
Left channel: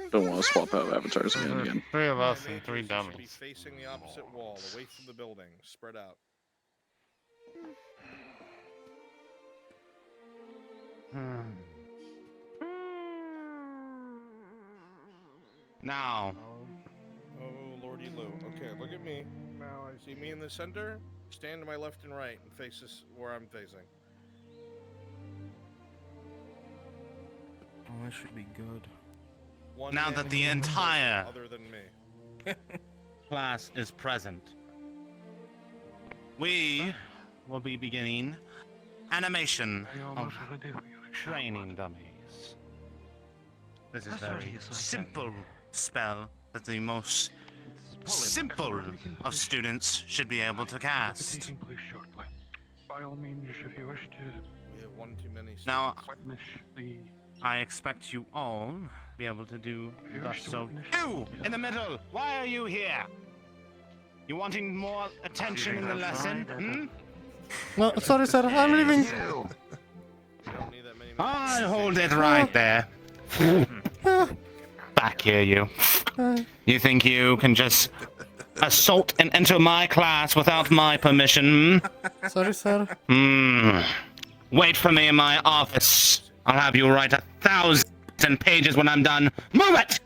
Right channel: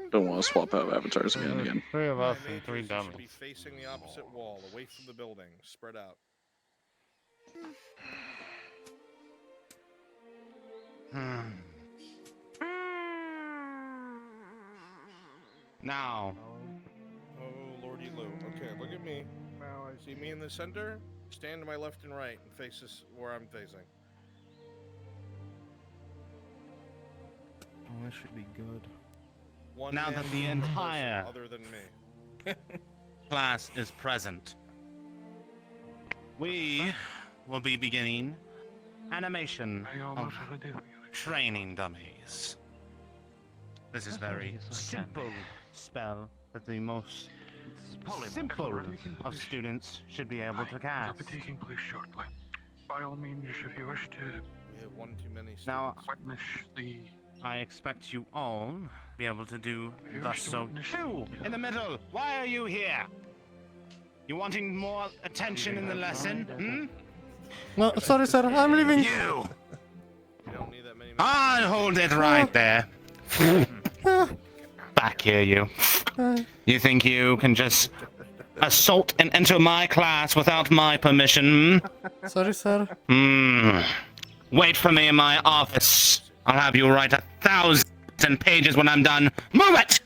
don't want to swap out avatars again and again. 3 of us My and 3 mages devils. should be facing the opposite wall, away from the building, spread out. Now. Oh, Lordy Lou. Okay, look at me. See me in the center? Stand to my left and right and face this where I'm facing. Oh, that should be good. One Now that man the per person entire other than me. class is present, we will be beginning animation of training dummies. This is very simple spell that the most simple of students should be able to cast. By all means, if you wish to. We have one too many students. Now, Witness the. I expect you all be able to do You thus. wish to So, witness you in the middle, why are you here? You wanting more attention in the lesson? Hmm? No, sorry, sir. I'm leaving. You. We don't need that many. I hold it right there. Back here, you. You think you can just assault and enter my class without my permission? Sorry, sir. Wait for me in my office. I'll have you write 1,000 pages when I'm done. Move it!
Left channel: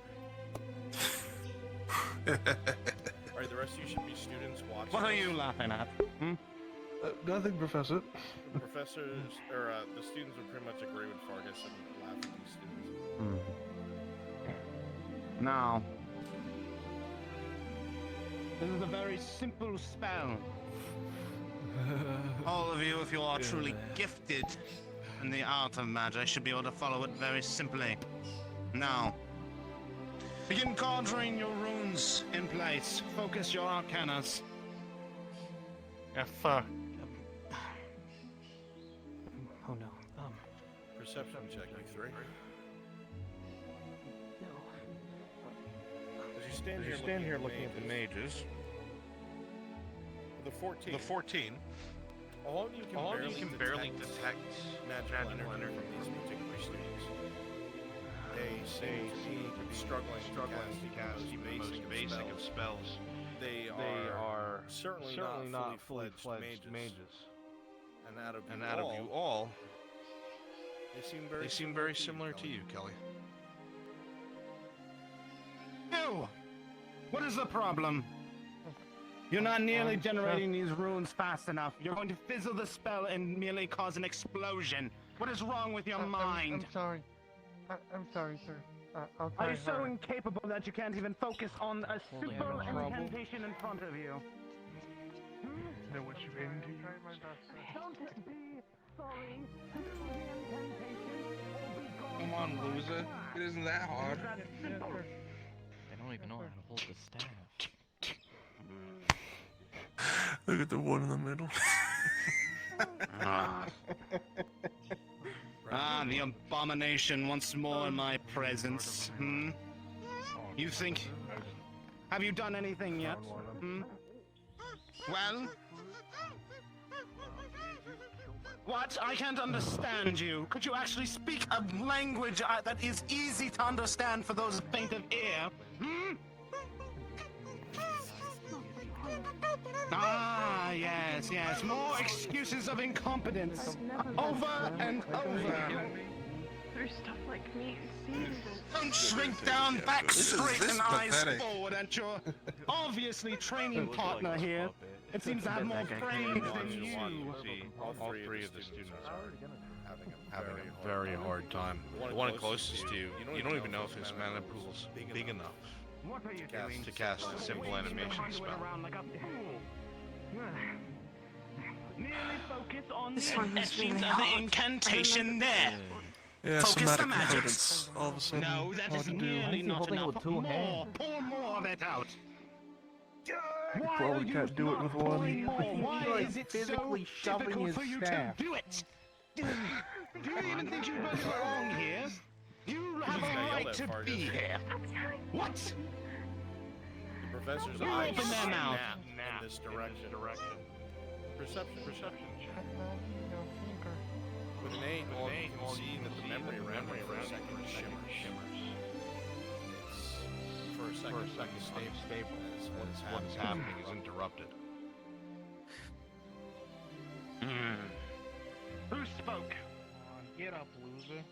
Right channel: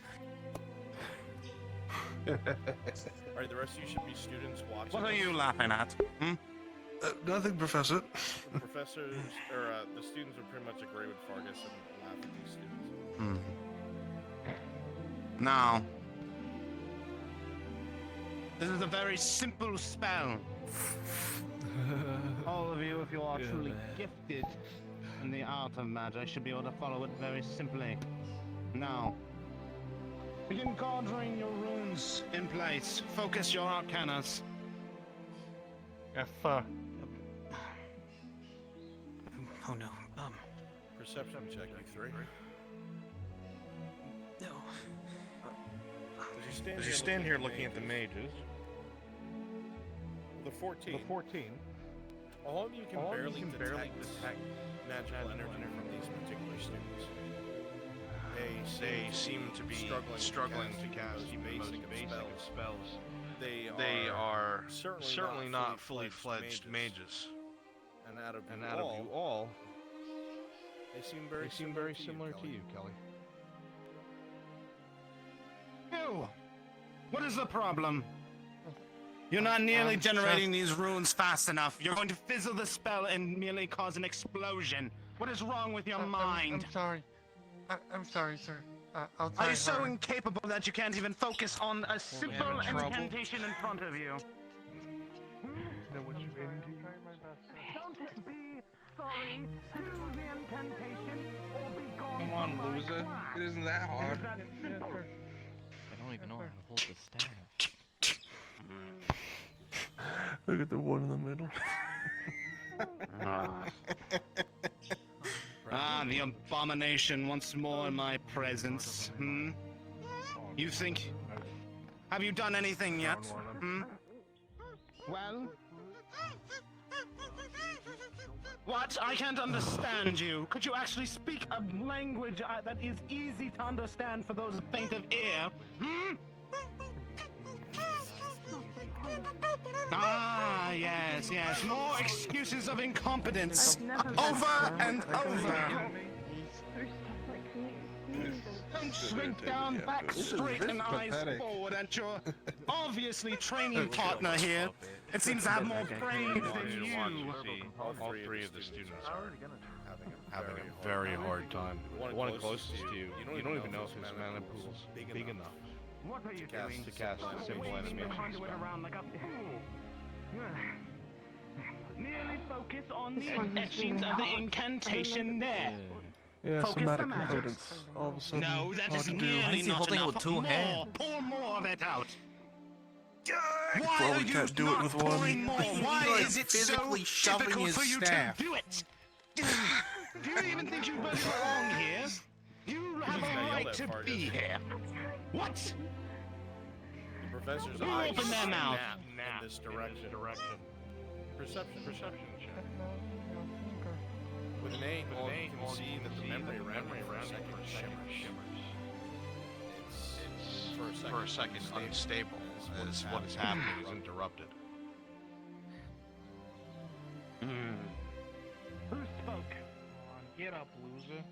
Alright, the rest of you should be students watching. What are this. you laughing at? Nothing, Professor. The professors, or the students would pretty much agree with Fargus and laugh at these students. Now, this is a very simple spell. All of you, if you are truly gifted in the art of magic, should be able to follow it very simply. Now, begin conjuring your runes in place. Focus your arcanas. Yes, sir. Oh no. Perception check, you 3. No. As you stand here looking at the mages. The 14. All of you can barely detect magical energy from these particular students. They seem to be struggling to cast even the most basic of spells. They are certainly not fully fledged mages. And out of you all, they seem very similar to you, Kelly. You! What is the problem? You're not nearly generating these runes fast enough. You're going to fizzle the spell and merely cause an explosion. What is wrong with your mind? I'm sorry. I'm sorry, sir. I'll try Are you so hard. incapable that you can't even focus on a simple incantation in front of you? Don't be sorry to the incantation or be gone. Come on, loser. It isn't that hard. I don't even know how to hold the staff. Look at the one in the middle. The abomination once more in my presence. You think... Have you done anything yet? Well? What? I can't understand you. Could you actually speak a language that is easy to understand for those faint of ear? Ah, yes. More excuses of incompetence. Over and over. There's stuff like me. Don't shrink down, back straight and eyes forward at your obviously training partner here. It seems to have more brains than you. All three of the students are having a having a very hard time. The one closest to you, you don't even know if his mana pool's big enough What are you doing? to cast a simple Waving the animation conduit spell. around like a fool. Merely focus on This the one is essence really of the hard. incantation there. Yeah, Focus the somatic magic. components. All of a sudden, No, that hard is to do. nearly not holding it enough. with two More, hands? pour more of it out. Why Probably are you can't do it not with one. pouring more? Why You're is it so physically shoving difficult his for you staff. to do it? Do you even think you both belong here? You have just a got yelled right at, to Fargus. be here. What? The professor's Open eyes their mouth. snap in this direction. Perception check. With an 8, all you can see that the memory around you for a second shimmers. It's for a second stable. What is happening is interrupted. Who spoke? Get up, loser.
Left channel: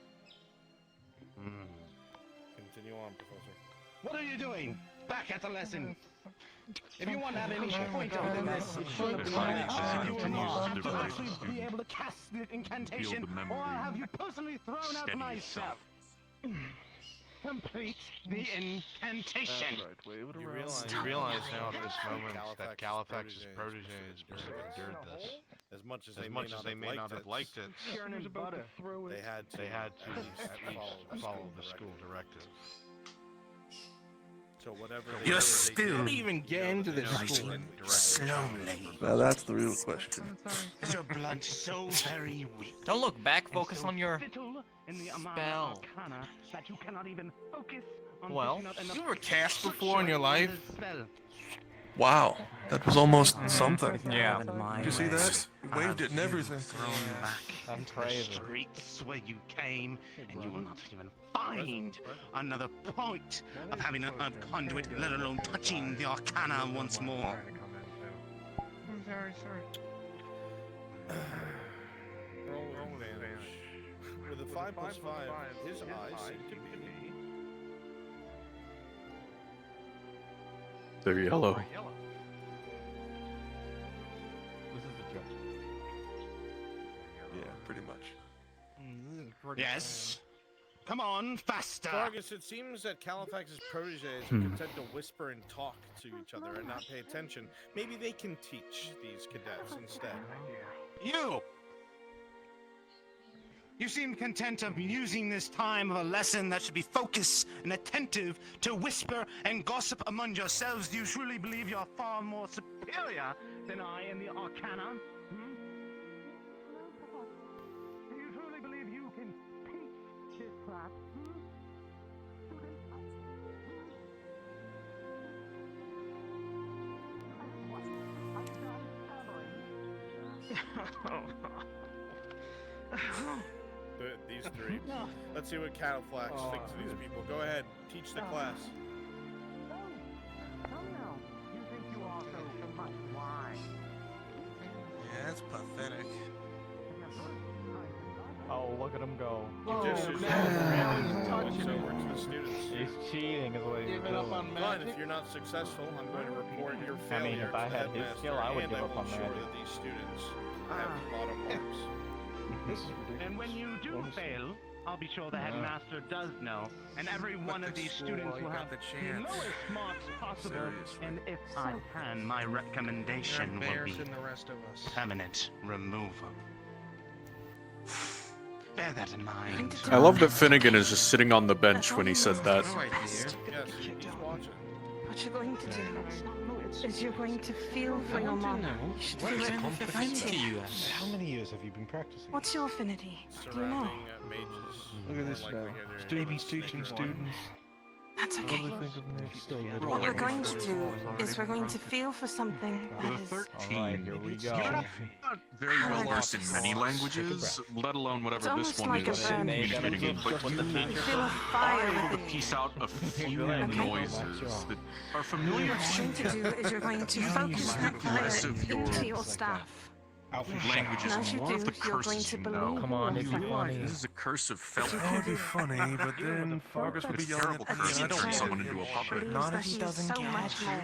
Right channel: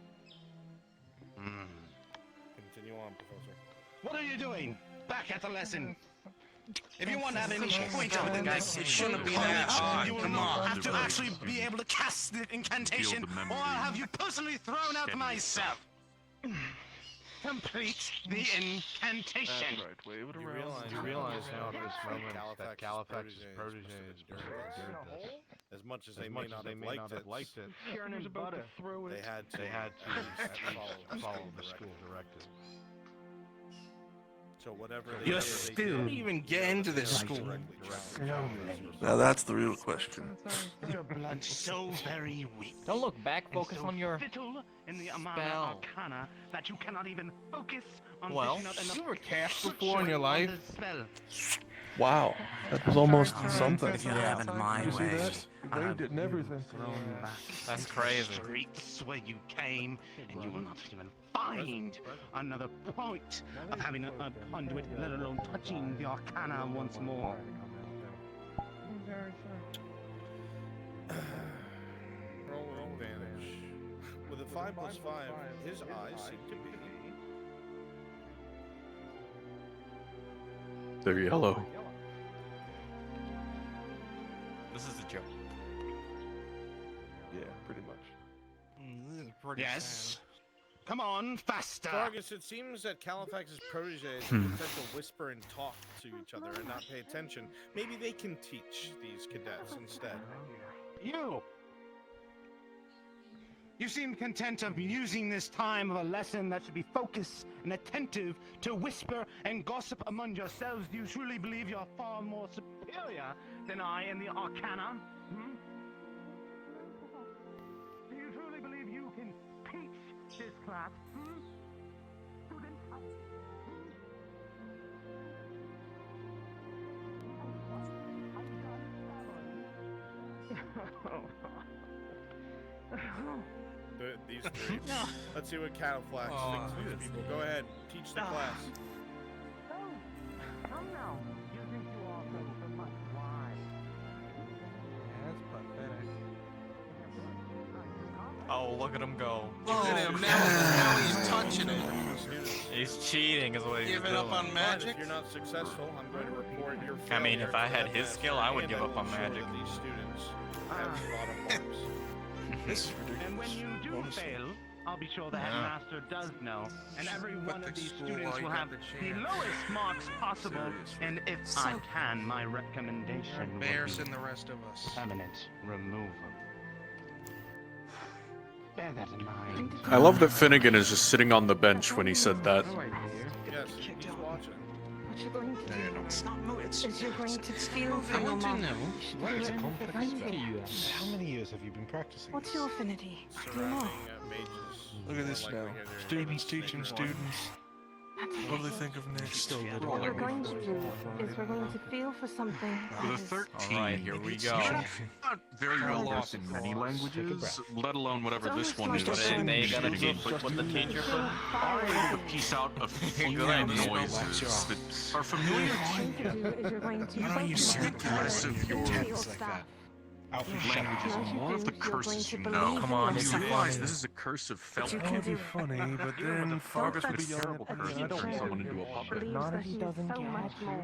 Continue on, Professor. What are you doing? Back at the lesson. If you want to have any point of the Guys, it shouldn't be that you hard. will Come on. have to actually be able to cast the incantation, or I'll have you personally thrown out myself. Complete the incantation. You realize now at this moment that Kalafax's protege is doing this. As much as they may not have liked it, Churning butter. they had to at least follow the school directive. So whatever they You're did, still they even get into this school. Slowly. Now that's the real question. Is your blood so very weak? Don't look back, focus on your Fiddle in the spell. Arcana that you cannot even focus on Well, picking up enough You ever cast structure before in your life? on the spell. Wow, that was almost something. Yeah, Did you see that? Waved it and everything. That's The crazy. streets where you came, and you will not even find another point of having a conduit, let alone touching the Arcana once more. I'm very sorry. roll with advantage. With a 5+5, his eyes seem to be They're yellow. This is a joke. Yeah, pretty much. Yes? Come on, faster! Fargus, it seems that Kalafax's proteges are content to whisper and talk to each other and not pay attention. Maybe they can teach these cadets instead. You! You seem content of using this time of a lesson that should be focused and attentive to whisper and gossip among yourselves. Do you truly believe you're far more superior than I in the Arcana? Hmm? Do you truly believe you can teach this class? Hmm? These three. Let's see what Kalafax thinks of these people. Go ahead, teach the class. Yeah, that's pathetic. Oh, look at him go. Look at him now he's touching over to the students. He's cheating, is what he's Giving up doing. on Fine, magic? if you're not successful, I'm going to report your I failure. mean, if to I the had his headmaster, skill, I would and give up will on ensure magic. that these students have bottom marks. This is ridiculous. And when you do Honestly. fail, I'll be sure the headmaster does know, and every one of these students will have the lowest marks possible. Seriously. And if I can, my recommendation will be Embarrassing the rest of us. permanent removal. Bear that in mind. I love that Finnegan is just sitting on the bench when he said that. Yes, he's watching. What you going to do It's not is you're going to feel for your mom. How many years have you been practicing? What's your affinity? Do you Surrounding know? mages. Look at this more now. likely to get Babies teaching students. That's What do okay. they think of next? What we're going to do is we're going to feel for something that is... Alright, here we go. You're not very well off in many languages, let alone whatever this one is. It's almost like a Getting in, but when you are able to piece out a few noises that are familiar to What you're going to do is you're going to you focus think less of your into your staff. languages and more of the curses you know. Come on, You realize this is a curse of felt. It could be funny, but then Fargus would be It's a yelling terrible at curse me. to turn someone into a puppet. Believes that he is so much more.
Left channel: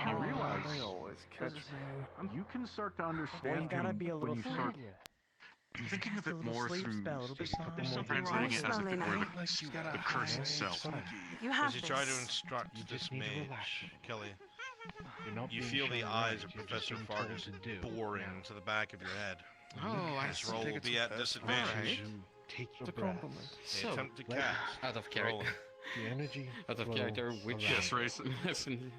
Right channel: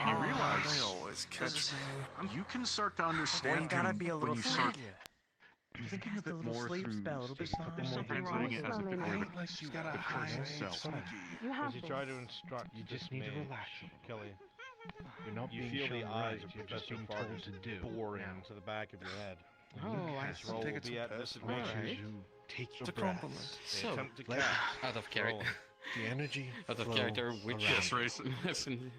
You realize They always catch me. you can start to understand gotta him be a when little you start thinking a bit more sleep through spell. It'll be Something wrong. translating it as a Slowly bit now. like You gotta hide yourself. You have As you try to this. instruct You this just need to mage, relax. Kelly, You're not you being feel the shown eyes right. of You're just Professor being told Fargus to do. boring Now, into the back of your head. Oh, I This see. roll will be at disadvantage. you take your It's a breath. compliment. So, Attempt to let- cast. out of Roll. character. The energy. Out of flow character, which around Yes, you.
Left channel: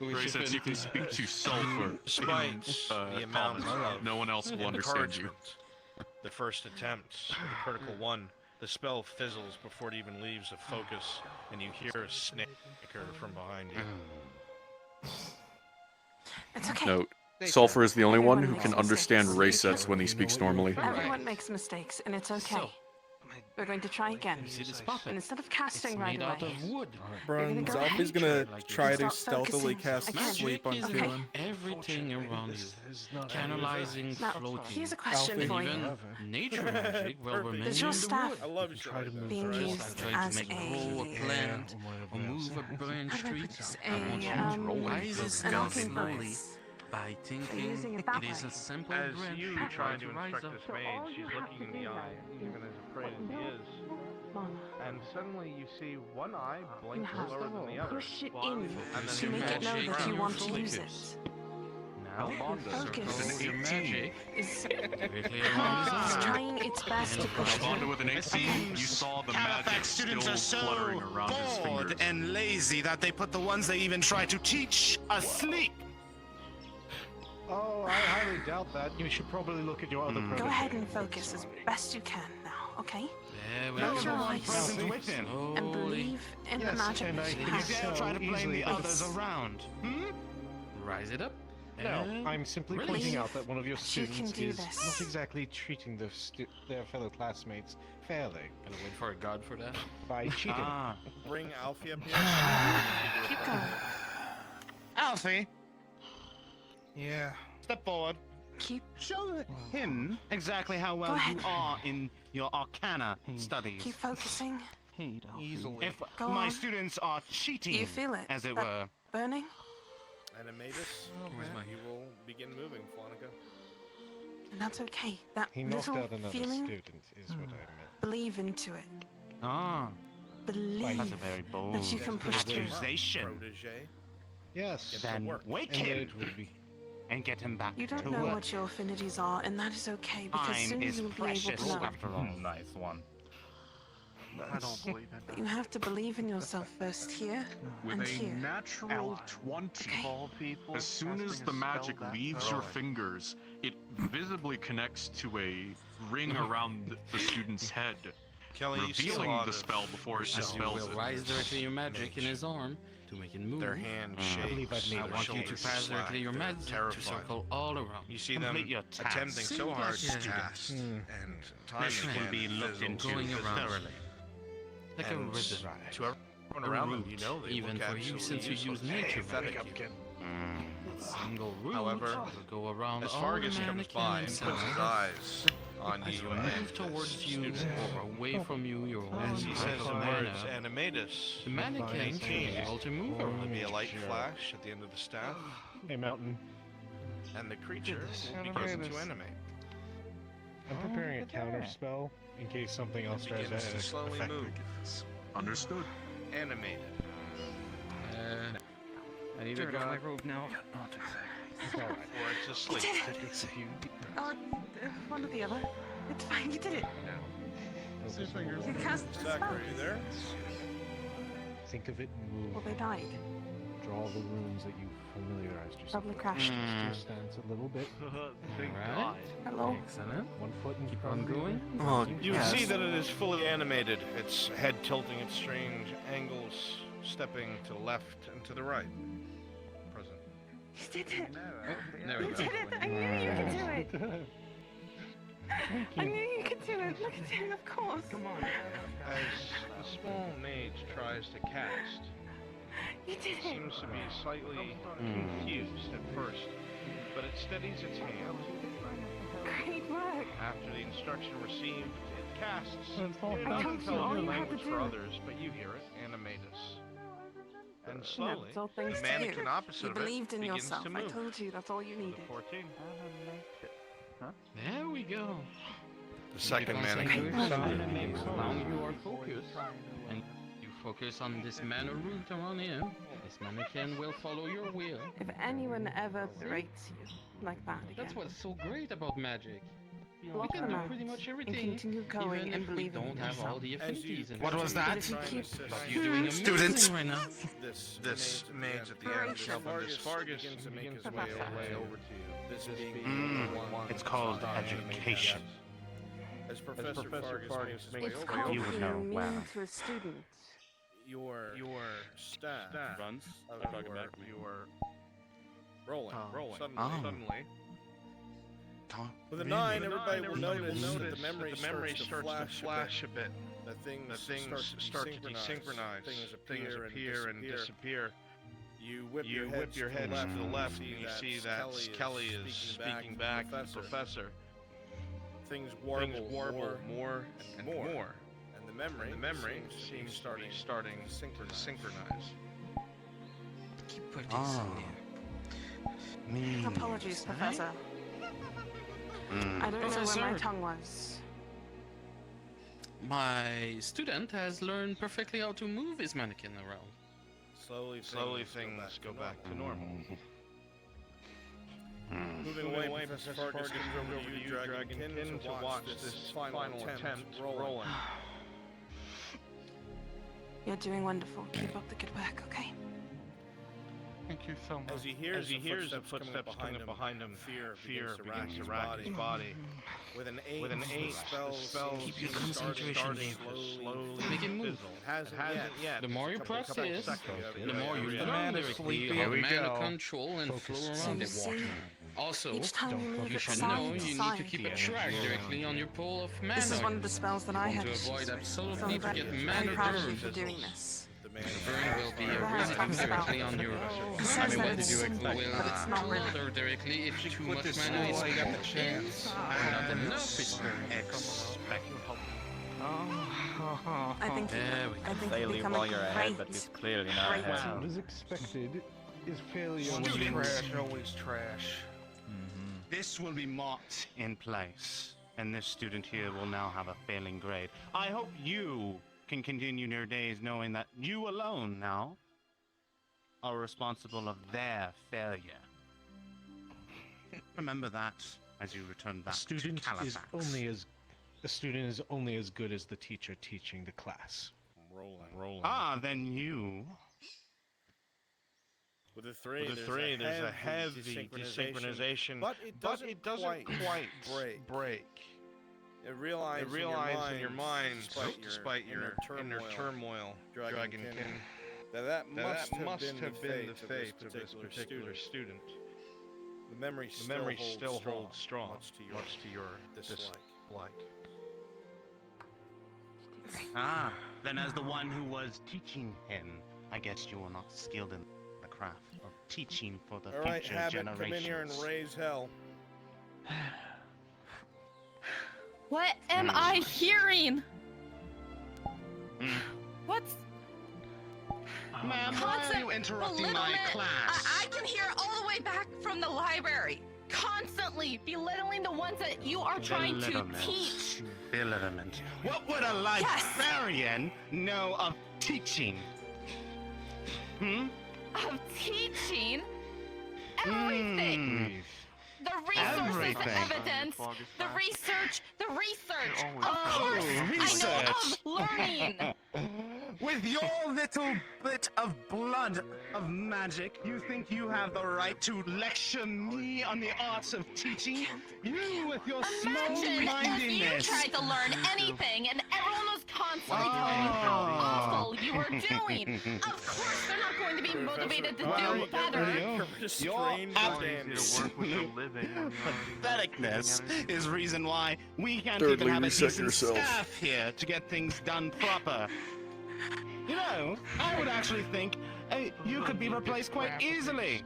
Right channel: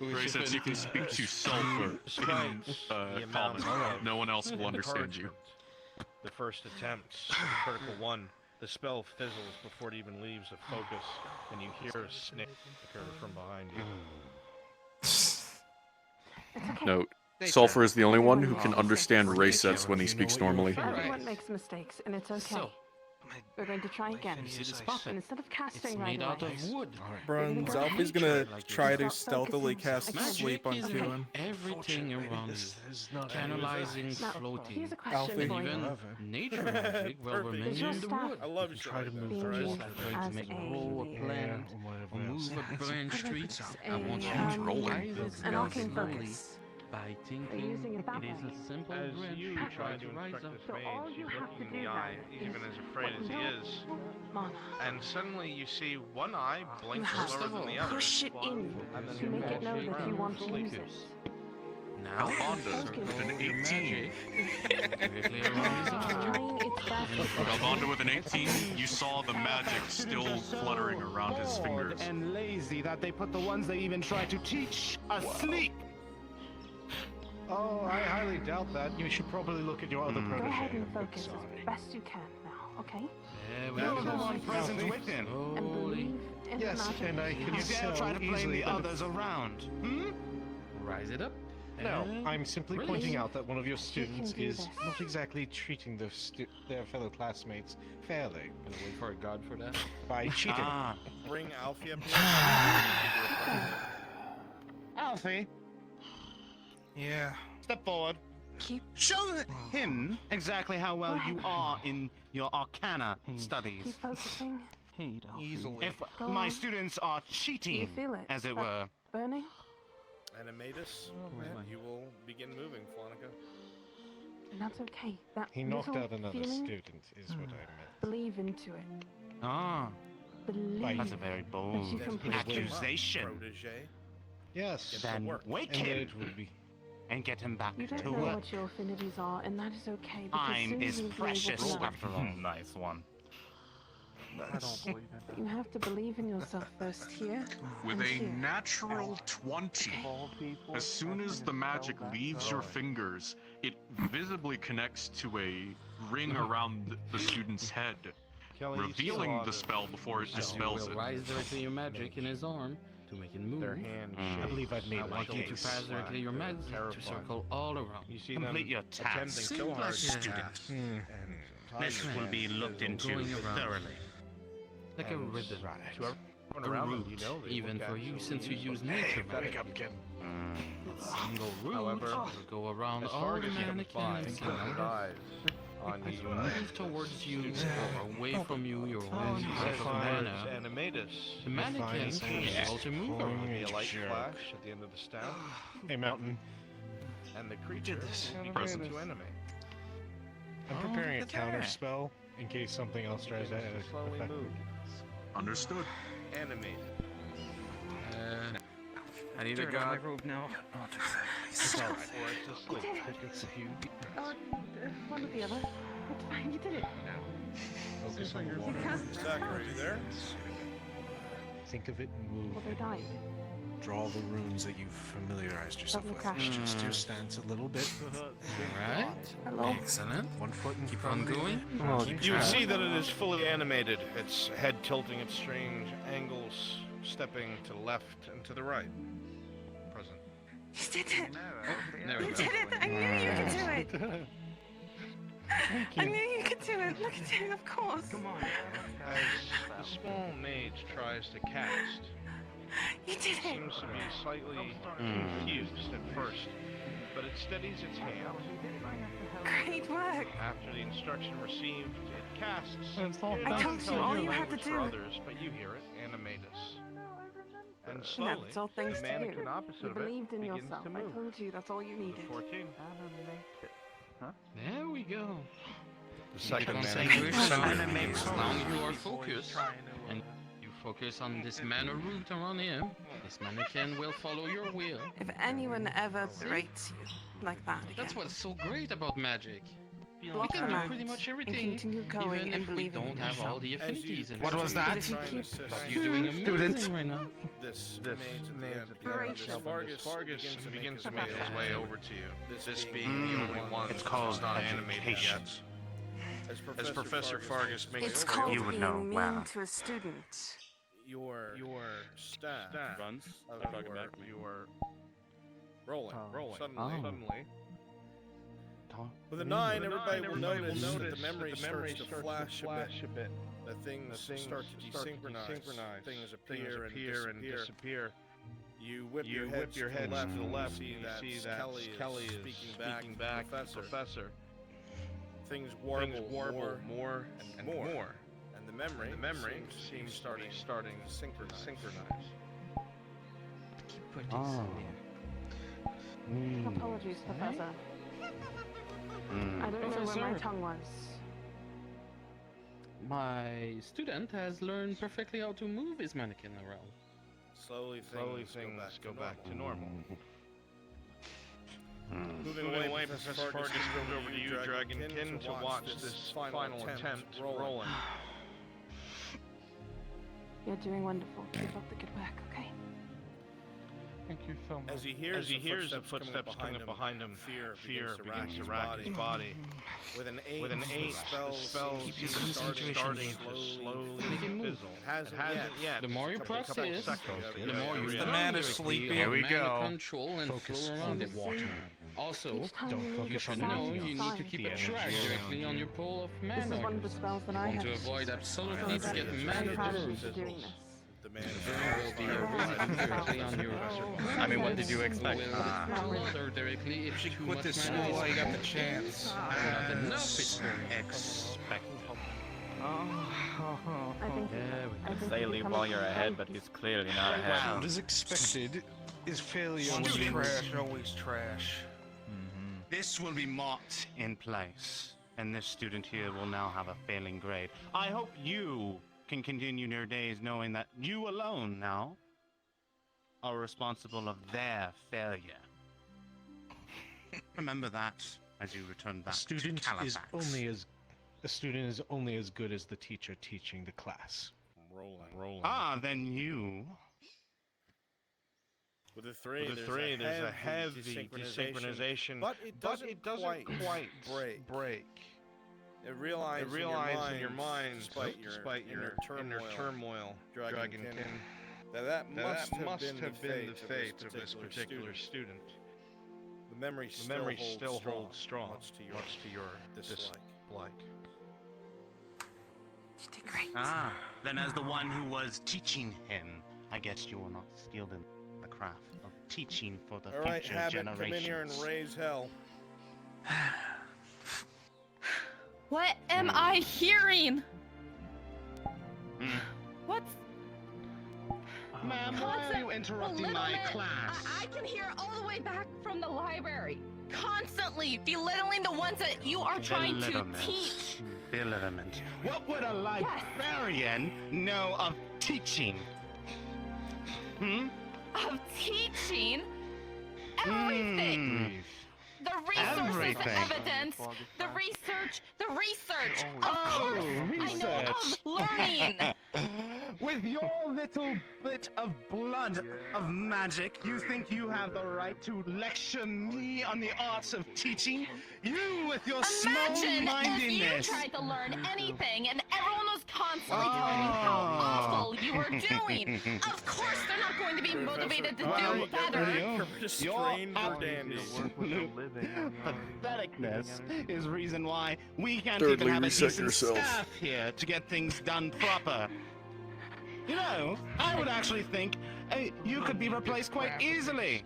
Ray says you can speak to sulfur in Despite the amount common. of No one else will understand you. encouragement, the first attempt, the critical one, the spell fizzles before it even leaves a focus, and you hear a snicker from behind you. It's okay. Note, Sulfur is the only one who can understand ray sets when he speaks normally. Everyone makes mistakes, and it's okay. So, We're going to try again. you see this puppet? And instead of It's casting right made out away, of wood. Bruns, Alfie's Alfie's gonna Like try to yourself. stealthily Focusing. cast Magic sleep on is Keelan. everything around you. This is not Canalizing, Now, floating. here's a question Alfie. for you. Even nature magic will Perfect. remain Does your in the staff wood. I love shit Try like to that. move being alright? used Trying to as make grow a a plant or whatever or else. move a branch tree. I want you um, to rise it an down arcane slowly focus. by using thinking it that it is way. a simple As branch you tree try to to rise instruct up. this So all mage, you he's have looking to in the do eye, now even as afraid as he is. Mona, And suddenly you see one eye you blink have slower than the other. push it in And then to you make it know magic that and you your want to use it. focus. Now, Focus. With an 18. It's directly around his eye. trying its best to push Alfonso with an 18, you saw the magic still fluttering around his fingers. And lazy that they put the ones they even try to teach asleep. Oh, I highly doubt that. You should probably look at your other Go protege. ahead and I'm focus as sorry. best you can now, okay? There we You're go. the one present with him. And Slowly. believe in Yes, the magic. and I you can You have. dare try to blame easily the others understand. around. Hmm? Rise it up. No, and I'm simply release. pointing out that one of your You can students do is this. not exactly treating their fellow classmates fairly I'm waiting for a god for that. by cheating. Ah. Bring Alfie up here. Alfie, Yeah. step forward. Keep Show him exactly how well you are in your arcana studies. keep focusing. Easily. If Go my on. students are Do cheating, you feel it? as it That were, burning? Animatus, you will begin moving, Flonica. And that's okay. That He knocked little out another feeling, student, is what I meant. believe into it. ah, Believe that's a very bold that you can push through. accusation. Protege. Yes. Get to Then work. wake And him it would be. and get him back You don't to know work. what your affinities are, and that is okay, because Time soon is you'll be precious able to know. after all. Nice one. But you have to believe in yourself first here With and a here. natural 20. Okay? As soon as the magic leaves your fingers, it visibly connects to a ring around the student's head, Kelly, you see a revealing lot the of spell before it As you dispels will it. rise directly your magic in his arm to make it move. Their hand I shakes. believe I've made I my want you to case. pass directly your They're magic to terrified. circle all around. You see Complete them your task. attempting so Seems hard like to a cast, Hmm. and time This and will again be looked fizzles. into Going around. thoroughly. Like a And rhythm. to everyone A around them, root, you know they even look for you absolutely since you use useless. nature Pathetic magic. even. A single root However, will go around As all the Fargus comes by and mannequins puts and his all eyes on As you, you move towards you or away from you, your own he type of says, mana, Animatus. the mannequins will be able to move There'll around. be a light flash at the end of the staff, Hey, Mountain. and the creature will begin to animate. I'm preparing a counter spell in case something else tries that. Begins to slowly move. Understood. Animate. I need to Dirt on my grab. robe now. Before it just sleeps. One or the other. It's fine, you did it. Zachary, are you there? Think of it and move. Well, they died. Draw the runes that you've familiarized yourself Double with. crash. Adjust your stance a little bit. Alright. Hello? Excellent. 1 foot in Keep front on of you. going. You see that it is fully animated, its head tilting at strange angles, stepping to the left and to the right. Present. You did it! There we You go. did it! I knew you could do it! I knew you could do it! Look at him, of course! Come on. As the small mage tries to cast, You did it it! seems to be slightly confused at first, but it steadies its hand. Great work! After the instruction received, it casts I an told you all unintelligible you had to language for do. others, but you hear it, Animatus. And No, slowly, it's all the thanks to you. mannequin opposite You of it believed in begins yourself. to I move. told you that's all you The needed. 14. There we go. The second As man. long as you are focused, and you focus on this mana root around here, this mannequin will follow your will. If anyone ever berates you like that again, That's what's so great about magic. We block can them do out pretty much and everything, continue going even and if we believing don't in have all yourself. the affinities. in What it. was that? You're doing Student. right now. This remains at the end of this. Fargus begins to make his way over to you. This being the one It's called starting to make education. hands. As Professor Fargus makes It's his way called over, You would know being mean well. to a student. your staff Runs. of Talking back to me. your rolling suddenly. Oh. With a 9, everybody will notice that the memory starts to flash a bit. That things start to desynchronize. Things appear and disappear. You whip your head to the left. You see that Kelly is speaking back to the professor. Things warble more and more. And the memory seems starting to synchronize. Apologies, Professor. I don't know Professor. where my tongue was. My student has learned perfectly how to move his mannequin around. Slowly things go back to normal. Moving away, Professor Fargus comes over to you, Dragonkin, to watch this final attempt rolling. You're doing wonderful. Keep up the good work, okay? Thank you so much. As he hears the footsteps coming up behind him, fear begins to rack his body. With an 8, spell seems to be starting slowly fizzle. It hasn't yet. The more you practice, the more you learn directly Here we about go. mana control and flow around the water. Also, Each time Don't you focus on decide the you energy. need to keep The a track energy directly around on you. your pool of mana. This is one of the spells that I want to have. avoid absolutely to get I'm mana proud of you burn. for doing this. The man Will be reason directly on your I mean, what did you expect? will water directly if too much this mana school is while you got the spent. chance. And enough is spent. Expected. I think They leave while you're ahead, but he's clearly not ahead. What is expected is failure. Always trash. This will be marked in place, and this student here will now have a failing grade. I hope you can continue your days knowing that you alone now are responsible of their failure. Remember that as you return back to Kalafax. The student is only as good as the teacher teaching the class. rolling. Ah, then you. With a 3, there's a heavy desynchronization, but it doesn't quite break. It realizes in your mind, despite your inner turmoil, Dragonkin, that must have been the fate of this particular student. The memory still holds strong, much to your dislike. Ah, then as the one who was teaching him, I guess you are not skilled in the craft of teaching for the All right, future Habit, generations. come in here and raise hell. What am I hearing? Mm. What's Ma'am, why are you interrupting my belittlement? class? I can hear all the way back from the library. Constantly belittling the ones that you are trying to teach. Belittlement. What would a librarian know of teaching? Of teaching everything. The resources, the evidence, the research. Of course, research. I know of learning. With your little bit of blood of magic, you think you have the right to lecture me on the arts of teaching? You with your Imagine if you small-mindedness. tried to learn anything and everyone was constantly telling you how awful you were doing. Of course they're not going to be motivated to do better. Your absolute patheticness is reason why we can't Thirdly, even have a reset decent yourself. staff here to get things done proper. You know, I would actually think you could be replaced quite easily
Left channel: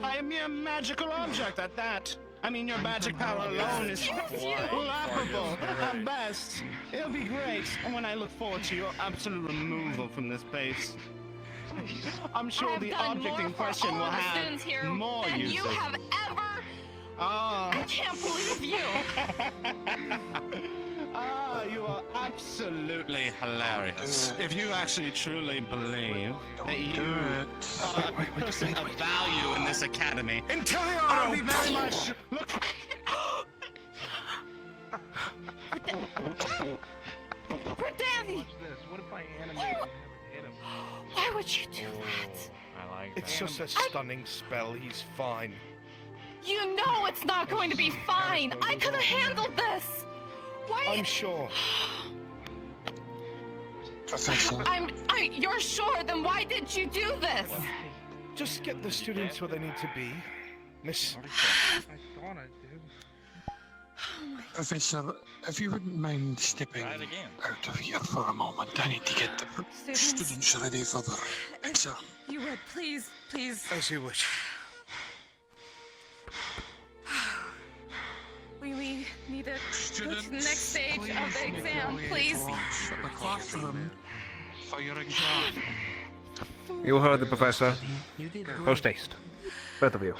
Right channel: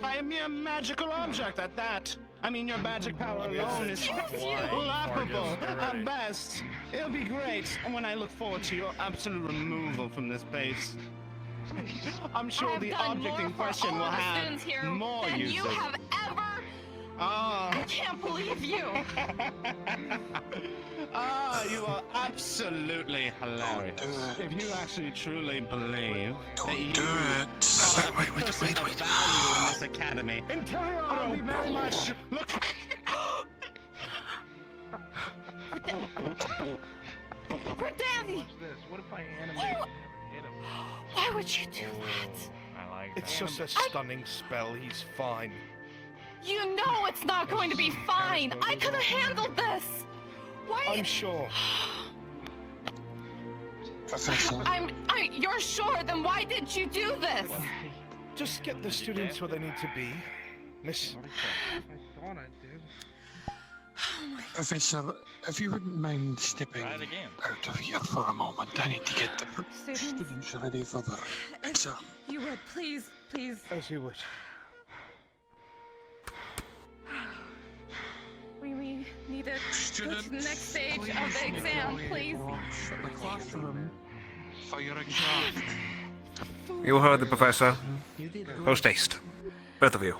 by a mere magical object at that. I mean, your magic power alone is laughable at best. It'll be great when I look forward to your absolute removal from this base. I'm sure I've the done object more in for question all will the have students here more than uses. you have ever I can't believe you. You are absolutely hilarious. If you actually truly believe that you are a person of value in this academy, I'll be very much. Look. For Danny. Watch this. What if I animate and have it hit him? Why would you do that? I like It's just a stunning spell. He's fine. You know it's not going to be fine. I could have handled this. Why? I'm sure. You're sure? Then why did you do this? Just get the students where they need to be, Miss. Professor, if you wouldn't mind stepping out of here for a moment, I need to get the students ready for the exam. You would, please. As you wish. We need to go to the next stage of the exam, please. The classroom for your exam. You heard the professor. Post haste. Both of you.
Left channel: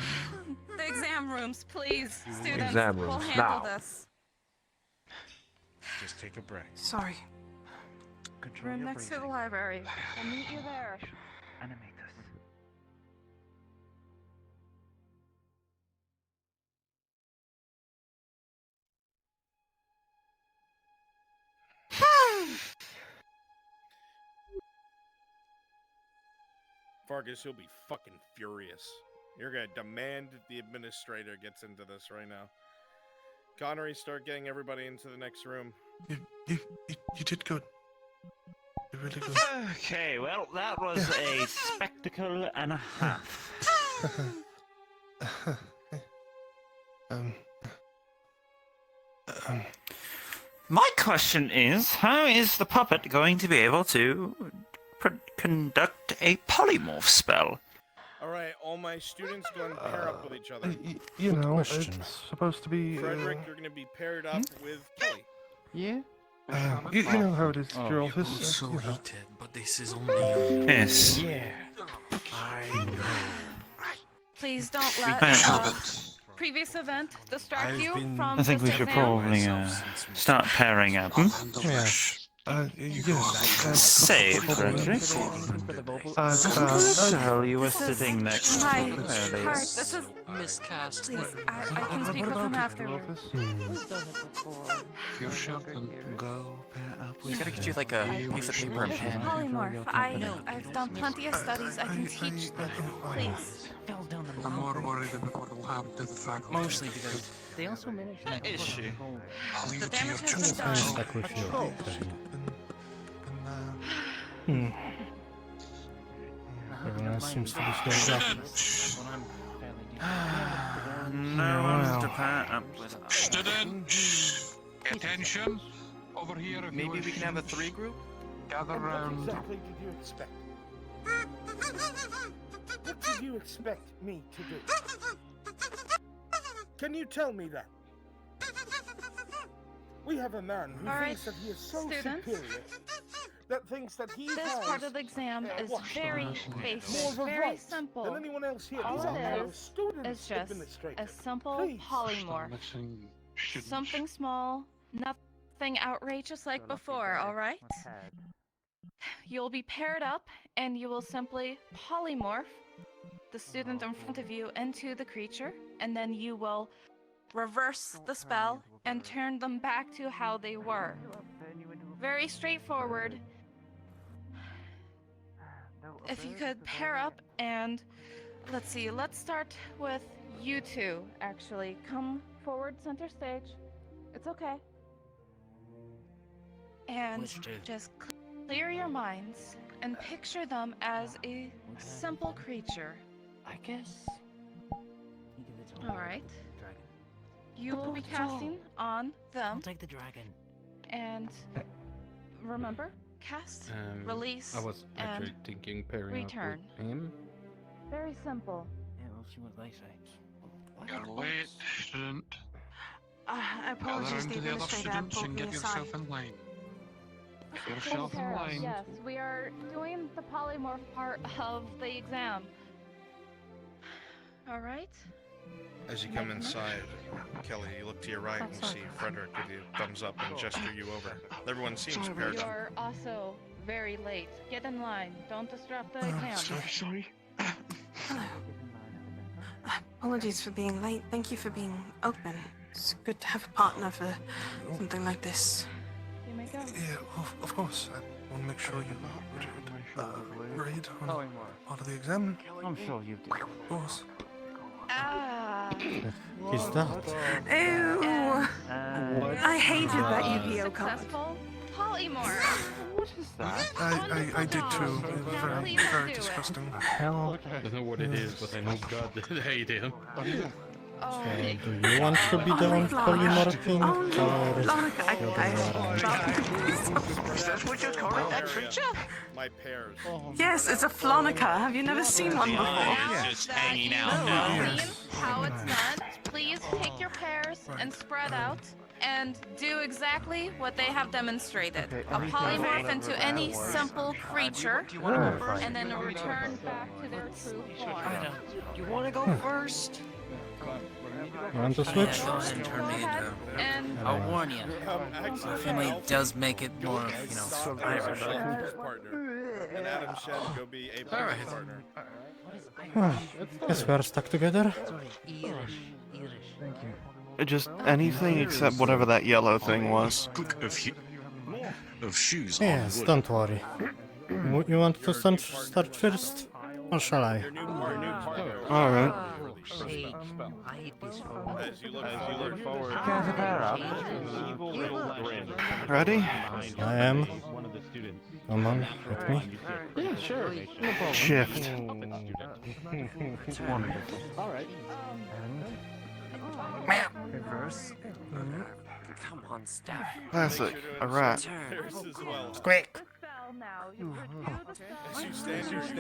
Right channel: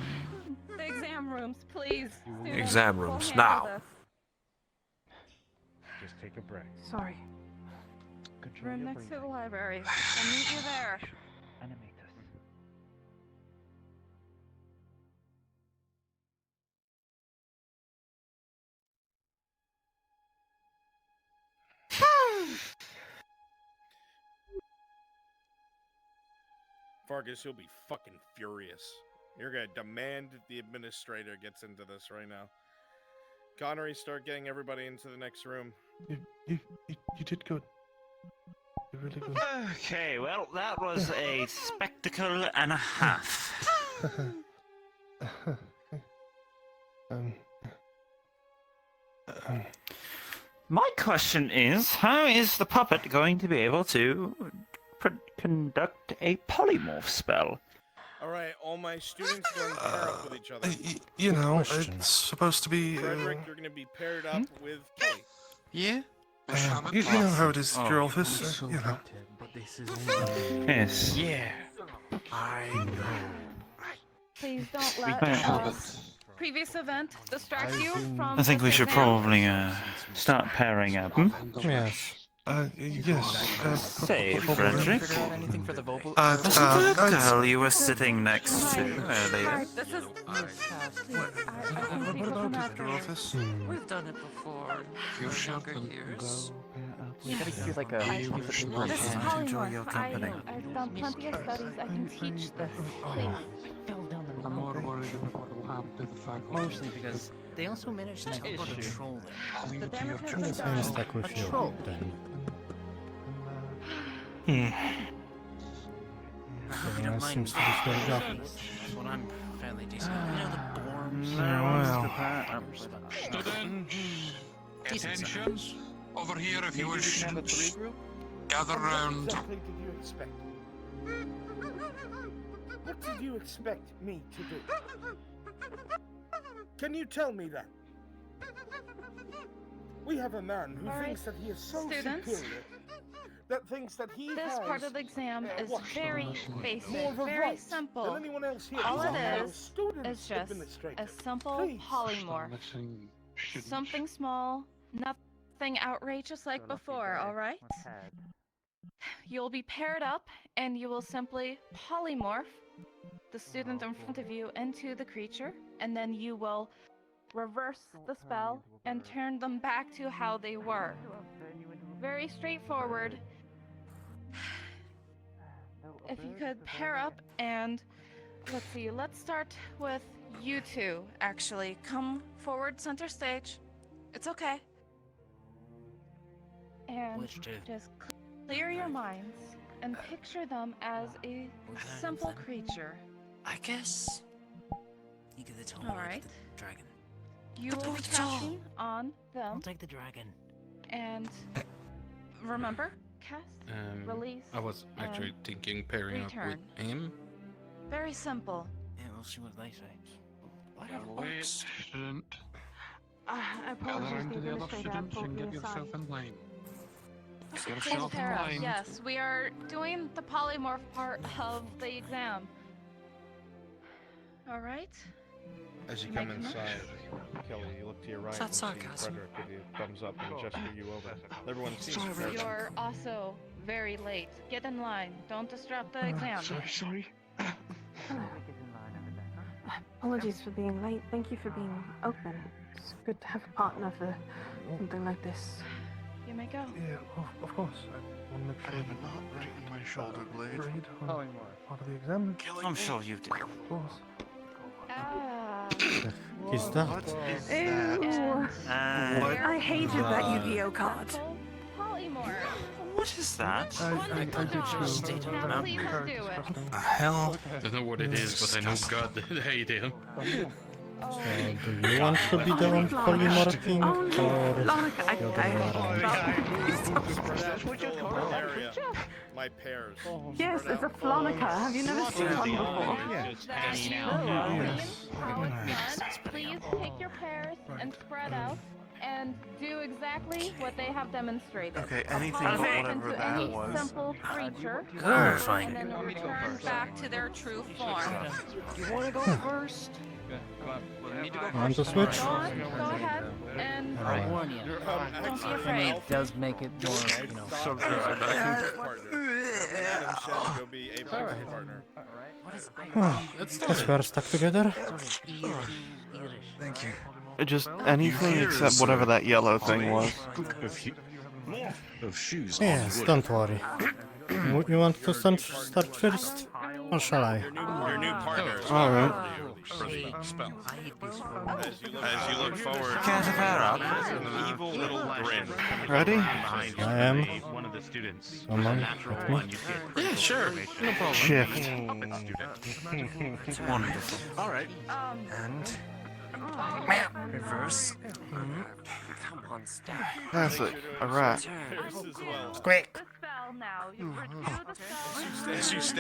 The exam rooms, please. Students, Exam rooms, we'll handle now. this. Just take a break. Sorry. Room next to the library. I'll meet you there. Animate this. Fargus, you'll be fucking furious. You're gonna demand the administrator gets into this right now. Connery, start getting everybody into the next room. You did good. You really good. Okay, well, that was a spectacle and a half. My question is, how is the puppet going to be able to conduct a polymorph spell? Alright, all my students go and pair up with each other. You know, it's supposed to be. Frederick, you're gonna be paired up with Kelly. Yeah? You know how it is at your office. You know. But this is only... Yes. Yeah. I know. Please don't We let can't- Previous event distract you from I think we this should exam? probably start pairing up. Yes. Yes. Say, Frederick. What hell you were sitting next to? Heart, this is... Please, I can speak with them afterwards. We've done it before. You're sharp and We gotta get you like a piece of paper and This is pen. polymorph. I've done plenty of studies. I can teach them. Please. I'm more worried about what will happen to the faculty. Mostly because they also managed to control. Leave it to your damage has judgment. been done. Stuck with you. Everyone else seems to be going up. Well, I'm fairly decent. Well. Students, attention. Over here if you wish. Maybe we can have a 3 group? Gather And what round. exactly did you expect? What did you expect me to do? Can you tell me that? We have a man who All right, thinks that he is so students. superior, that thinks that he This has part of the exam is what? very more basic, of a very right simple. than anyone else here. All He's it our is student just administrator. a simple Please. polymorph. Something small, nothing outrageous like before, alright? You'll be paired up, and you will simply polymorph the student in front of you into the creature, and then you will reverse the spell and turn them back to how they were. Very straightforward. If you could pair up and let's see, let's start with you two. Actually, come forward center stage. It's okay. And Which two? just clear your minds and picture them as a simple creature. I guess. You get the total. All right. Dragon. You will be casting on them. I'll take the dragon. And remember, cast, release, I was actually and thinking pairing return. up with him. Very simple. Yeah, we'll see what they say. Wait, student. Apologies, Gather the into the other administrator. students and get I'm yourself in line. Get Take yourself in care of. line. Yes, we are doing the polymorph part of the exam. All right. As you come inside, Kelly, you look to your right and see Frederick with you thumbs up and gesture you over. Everyone seems prepared. You're also very late. Get in line. Don't disrupt the exam. Sorry. Apologies for being late. Thank you for being open. It's good to have a partner for something like this. You may go. Yeah, of course. I want to make sure you read part of the exam. I'm sure you do. Of course. He's that. Ew! I hated that Yu-Gi-Oh card. What is that? I did too. Very disgusting. The hell? I don't know what it is, but I know God that I do. So, do you want to be the one polymorphing, or the other way around? My pears. Yes, it's a flonica. Have you never seen one before? Just hanging out now. How it's done. Please take your pairs and spread out and do exactly what they have demonstrated. Okay, a polymorph into any simple creature, and then return back to their true form. You want to go first? You want to switch? Go ahead and Actually, And it does make it more, Stop as a practice partner. And Adam Shen go be a practice partner. Well, guess we are stuck together. Thank you. Just anything except whatever that yellow thing was. Of shoes. Yes, don't worry. You want to start first? Or shall I? Alright. As you look forward, evil little grin. Ready? I am. Come on, with me. Yeah, sure. Shift. Alright. And Reverse. Come on, stop. Classic. A rat. Squeak.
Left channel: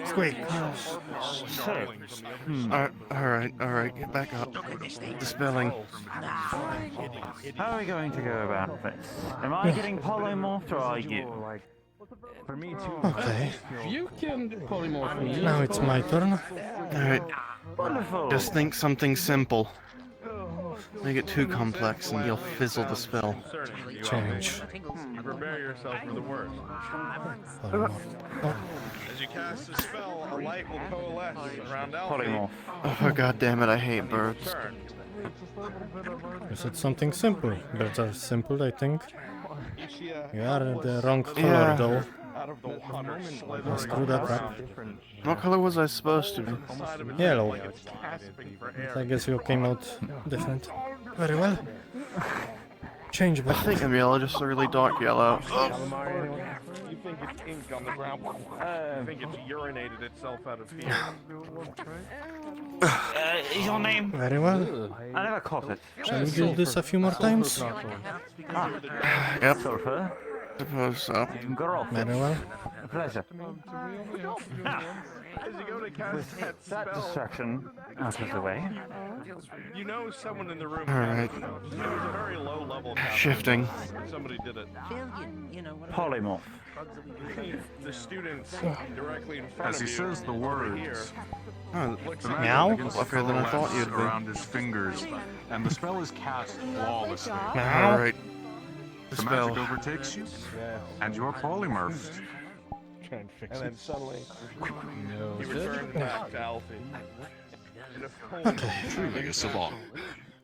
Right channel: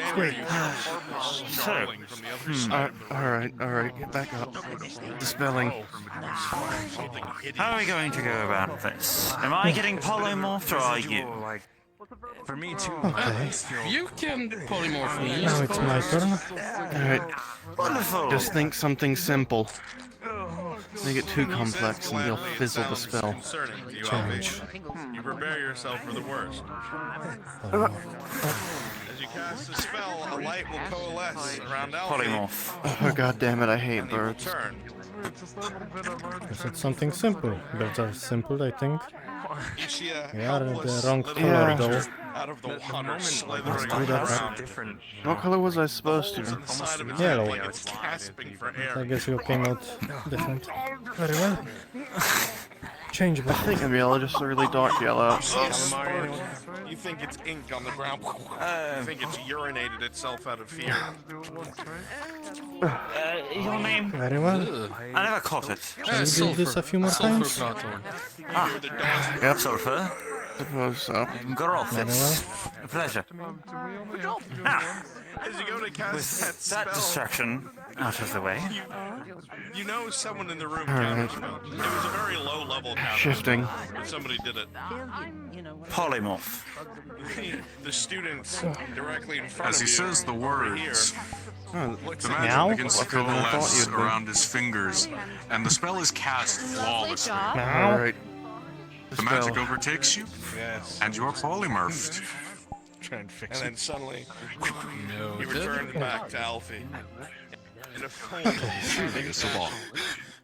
Squeak. Alright, get back up. The spelling. How are we going to go about this? Am I getting polymorphed or are you? for me too. Okay. You can polymorph me. Now it's my turn. Alright. Just think something simple. Make it too complex and you'll fizzle the spell. Change. You prepare yourself for the worst. As you cast the spell, a light will coalesce around Alfie. Oh god damn it, I hate birds. Is it something simple? Birds are simple, I think. You We are the wrong color though. out of the water, Let's screw that up. What color was I supposed to be? Yellow. gasping for But I air. guess you came out different. Very well. Change I back. think I'm yellow, just a really dark yellow. You think it's ink on the ground. You think it's urinated itself out of fear. Your name? Very well. I never caught it. Shall we do this a few more times? Yep, Sulfur. suppose so. Girl. Very well. Pleasure. Now, As you go to cast with that that spell, distraction out of the way. you know someone in the room. Alright. It was a very low level. Shifting. But somebody did it. Polymorph. The students directly in front As he of you. says the words, Oh, the magic meow? begins to Luckier than I thought coalesce you'd be. around his fingers, and the spell is cast flawlessly. Alright. The Spell. magic overtakes you, and you are polymorphed. Try and fix it. And then suddenly, you return back to Alfie. Okay. Truly a savant.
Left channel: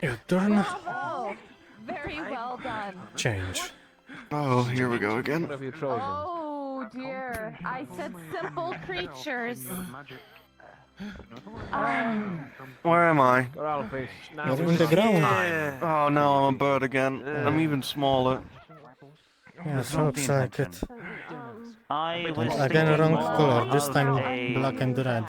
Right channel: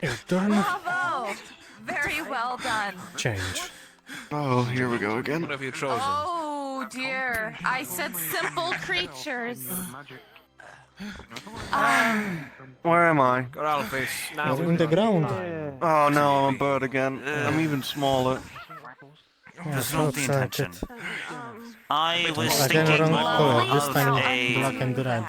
Your turn. Oh, very well done. Change. Oh, here we go again. What have you chosen? Oh dear, I said simple creatures. Where am I? You're in the ground. Oh no, I'm a bird again. I'm even smaller. Yes, looks like it. I was And again, thinking wrong color. This time, a- black and red.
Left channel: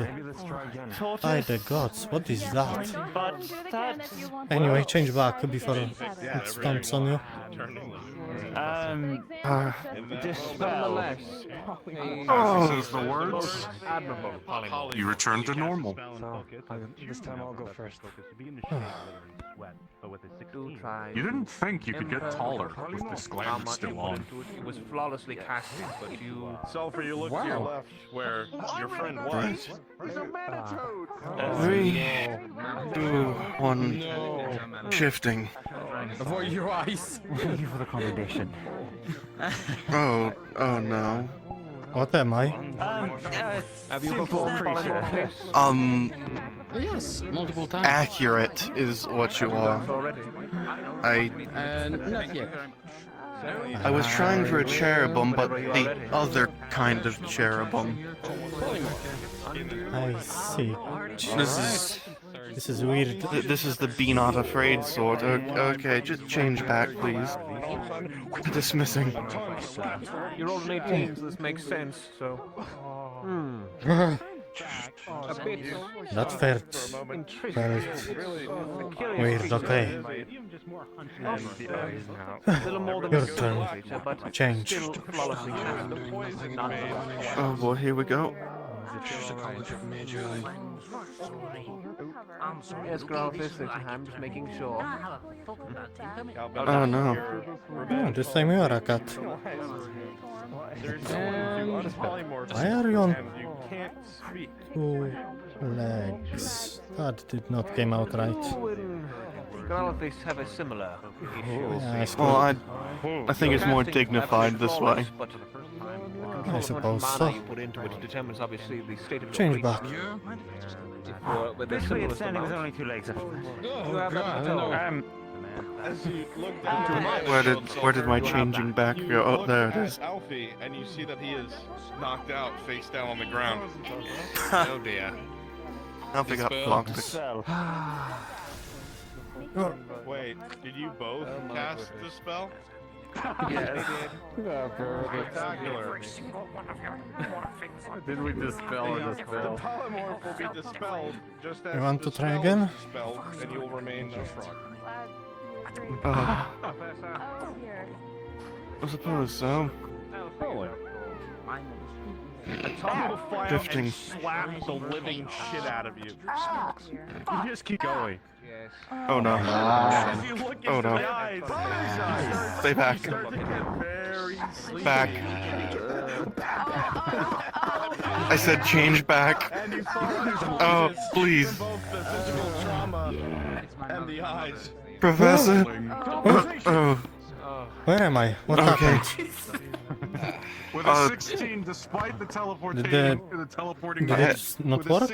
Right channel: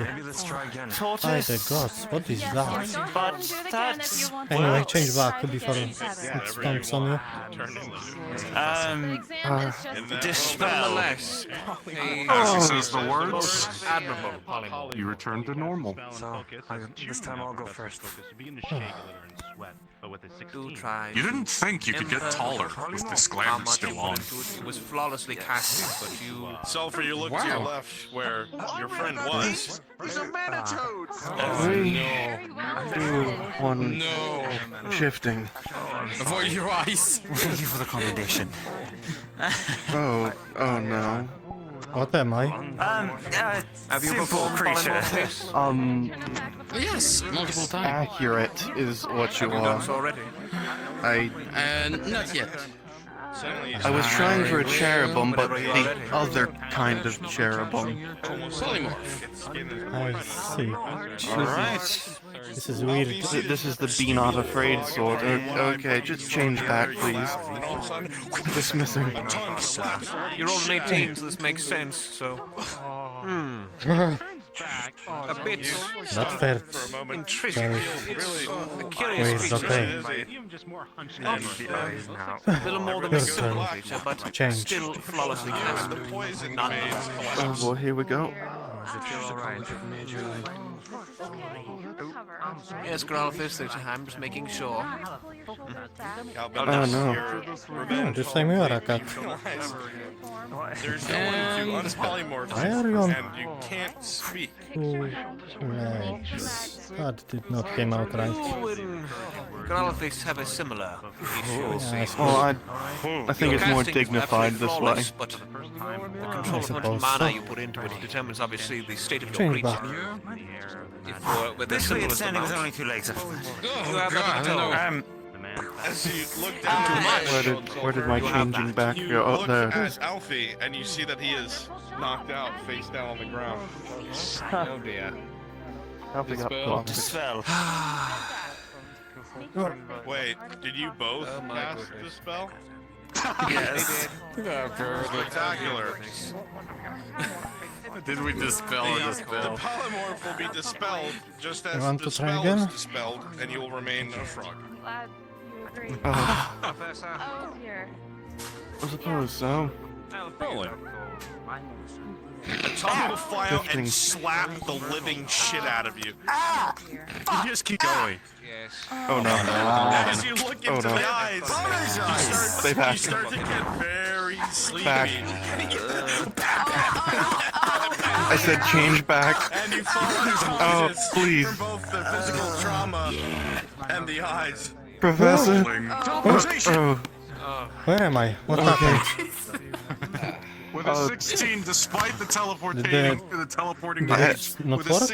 By the gods, what is that? Anyway, change back before it stomps on you. Dispel. As he Oh. says the words, admirable. You return to normal. This time I'll go first. Do try. You didn't think you could get taller with this gland still on. It was flawlessly casted, but you. Sulfur, you look to your left where your friend was. He's a manitoad. 3, 2, 1, shifting. Avoid your eyes. Thank you for the commendation. Oh no. What am I? Simple creature. Yes, multiple times. Accurate is what you are. Not yet. I was trying for a cherubim, but the other kind of cherubim. I see. This is weird. This is the be not afraid sort. Okay, just change back, please. Dismissing. You're all 18, so this makes sense, so... A bit... That felt very weird, okay. Your turn. Change. Oh boy, here we go. Yes, Kalafax, I'm just making sure. Oh no. Oh, just like me or a cat. Why are you on two legs? That did not come out right. Kalafax have a similar issue. Yeah, Well, I think it's more dignified this way. I suppose Mana so. you put into it determines obviously the state of Change your back. creature. If with as simple as the Standing with mouse. only 2 legs. You have that toe. As you look down Where did my changing back go? Oh, there it is. Alfie, and you see that he is knocked out, face down on the ground. Oh dear. Alfie got boxed. Wait, did you both cast the spell? Yes. Spectacular. Did we dispel or The dispel? polymorph will be dispelled just as You want the to try spell again? is dispelled, and you will remain a frog. I suppose so. Tom will fly out Shifting. and slap the living shit out of you. You just keep going. Oh no. As you look Oh into no. the eyes, Stay back. you start to get very sleepy. Back. I said change back. And you fall Oh, please. both the physical trauma and the eyes. Professor. Oh. Where am I? What Okay. happened? With a 16, despite the teleporting, Did it not work?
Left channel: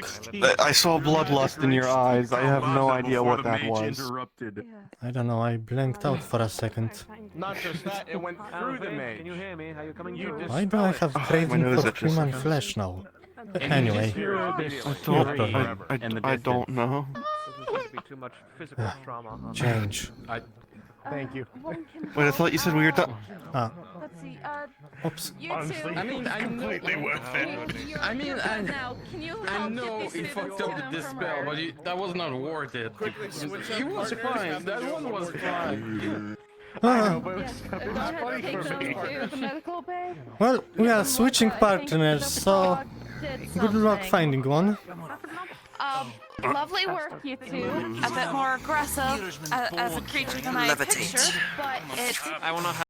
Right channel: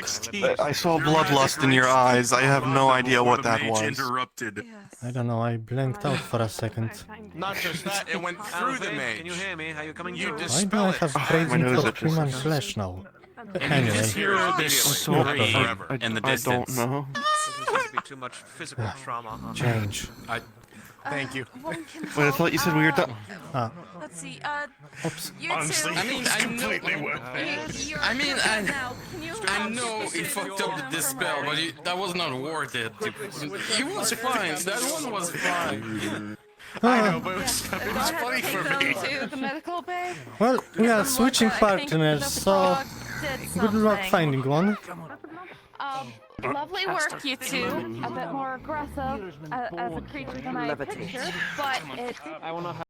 I saw bloodlust in your eyes. I have no idea what that was. Interrupted. I don't know, I blanked out for a second. Not just that, it went through the mage. Can you hear me? Are you coming You through? Why do I have craving nose for itches. human flesh now? Anyway, I don't know. Too much physical trauma. change. Thank you. Wait, I thought you said we were done. Ah, Let's see, oops. you Honestly, two. I mean, it's I know. completely worth it. I mean, Now, can you I help know get me he through fucked this up with this room spell, for but that was not worth it. He was fine. That one was fine. Ah, funny for me. The medical bay. well, we are switching partners, so good luck finding one. Lovely work, you two. A bit more aggressive as a creature than I Levitate. pictured, but it I will not have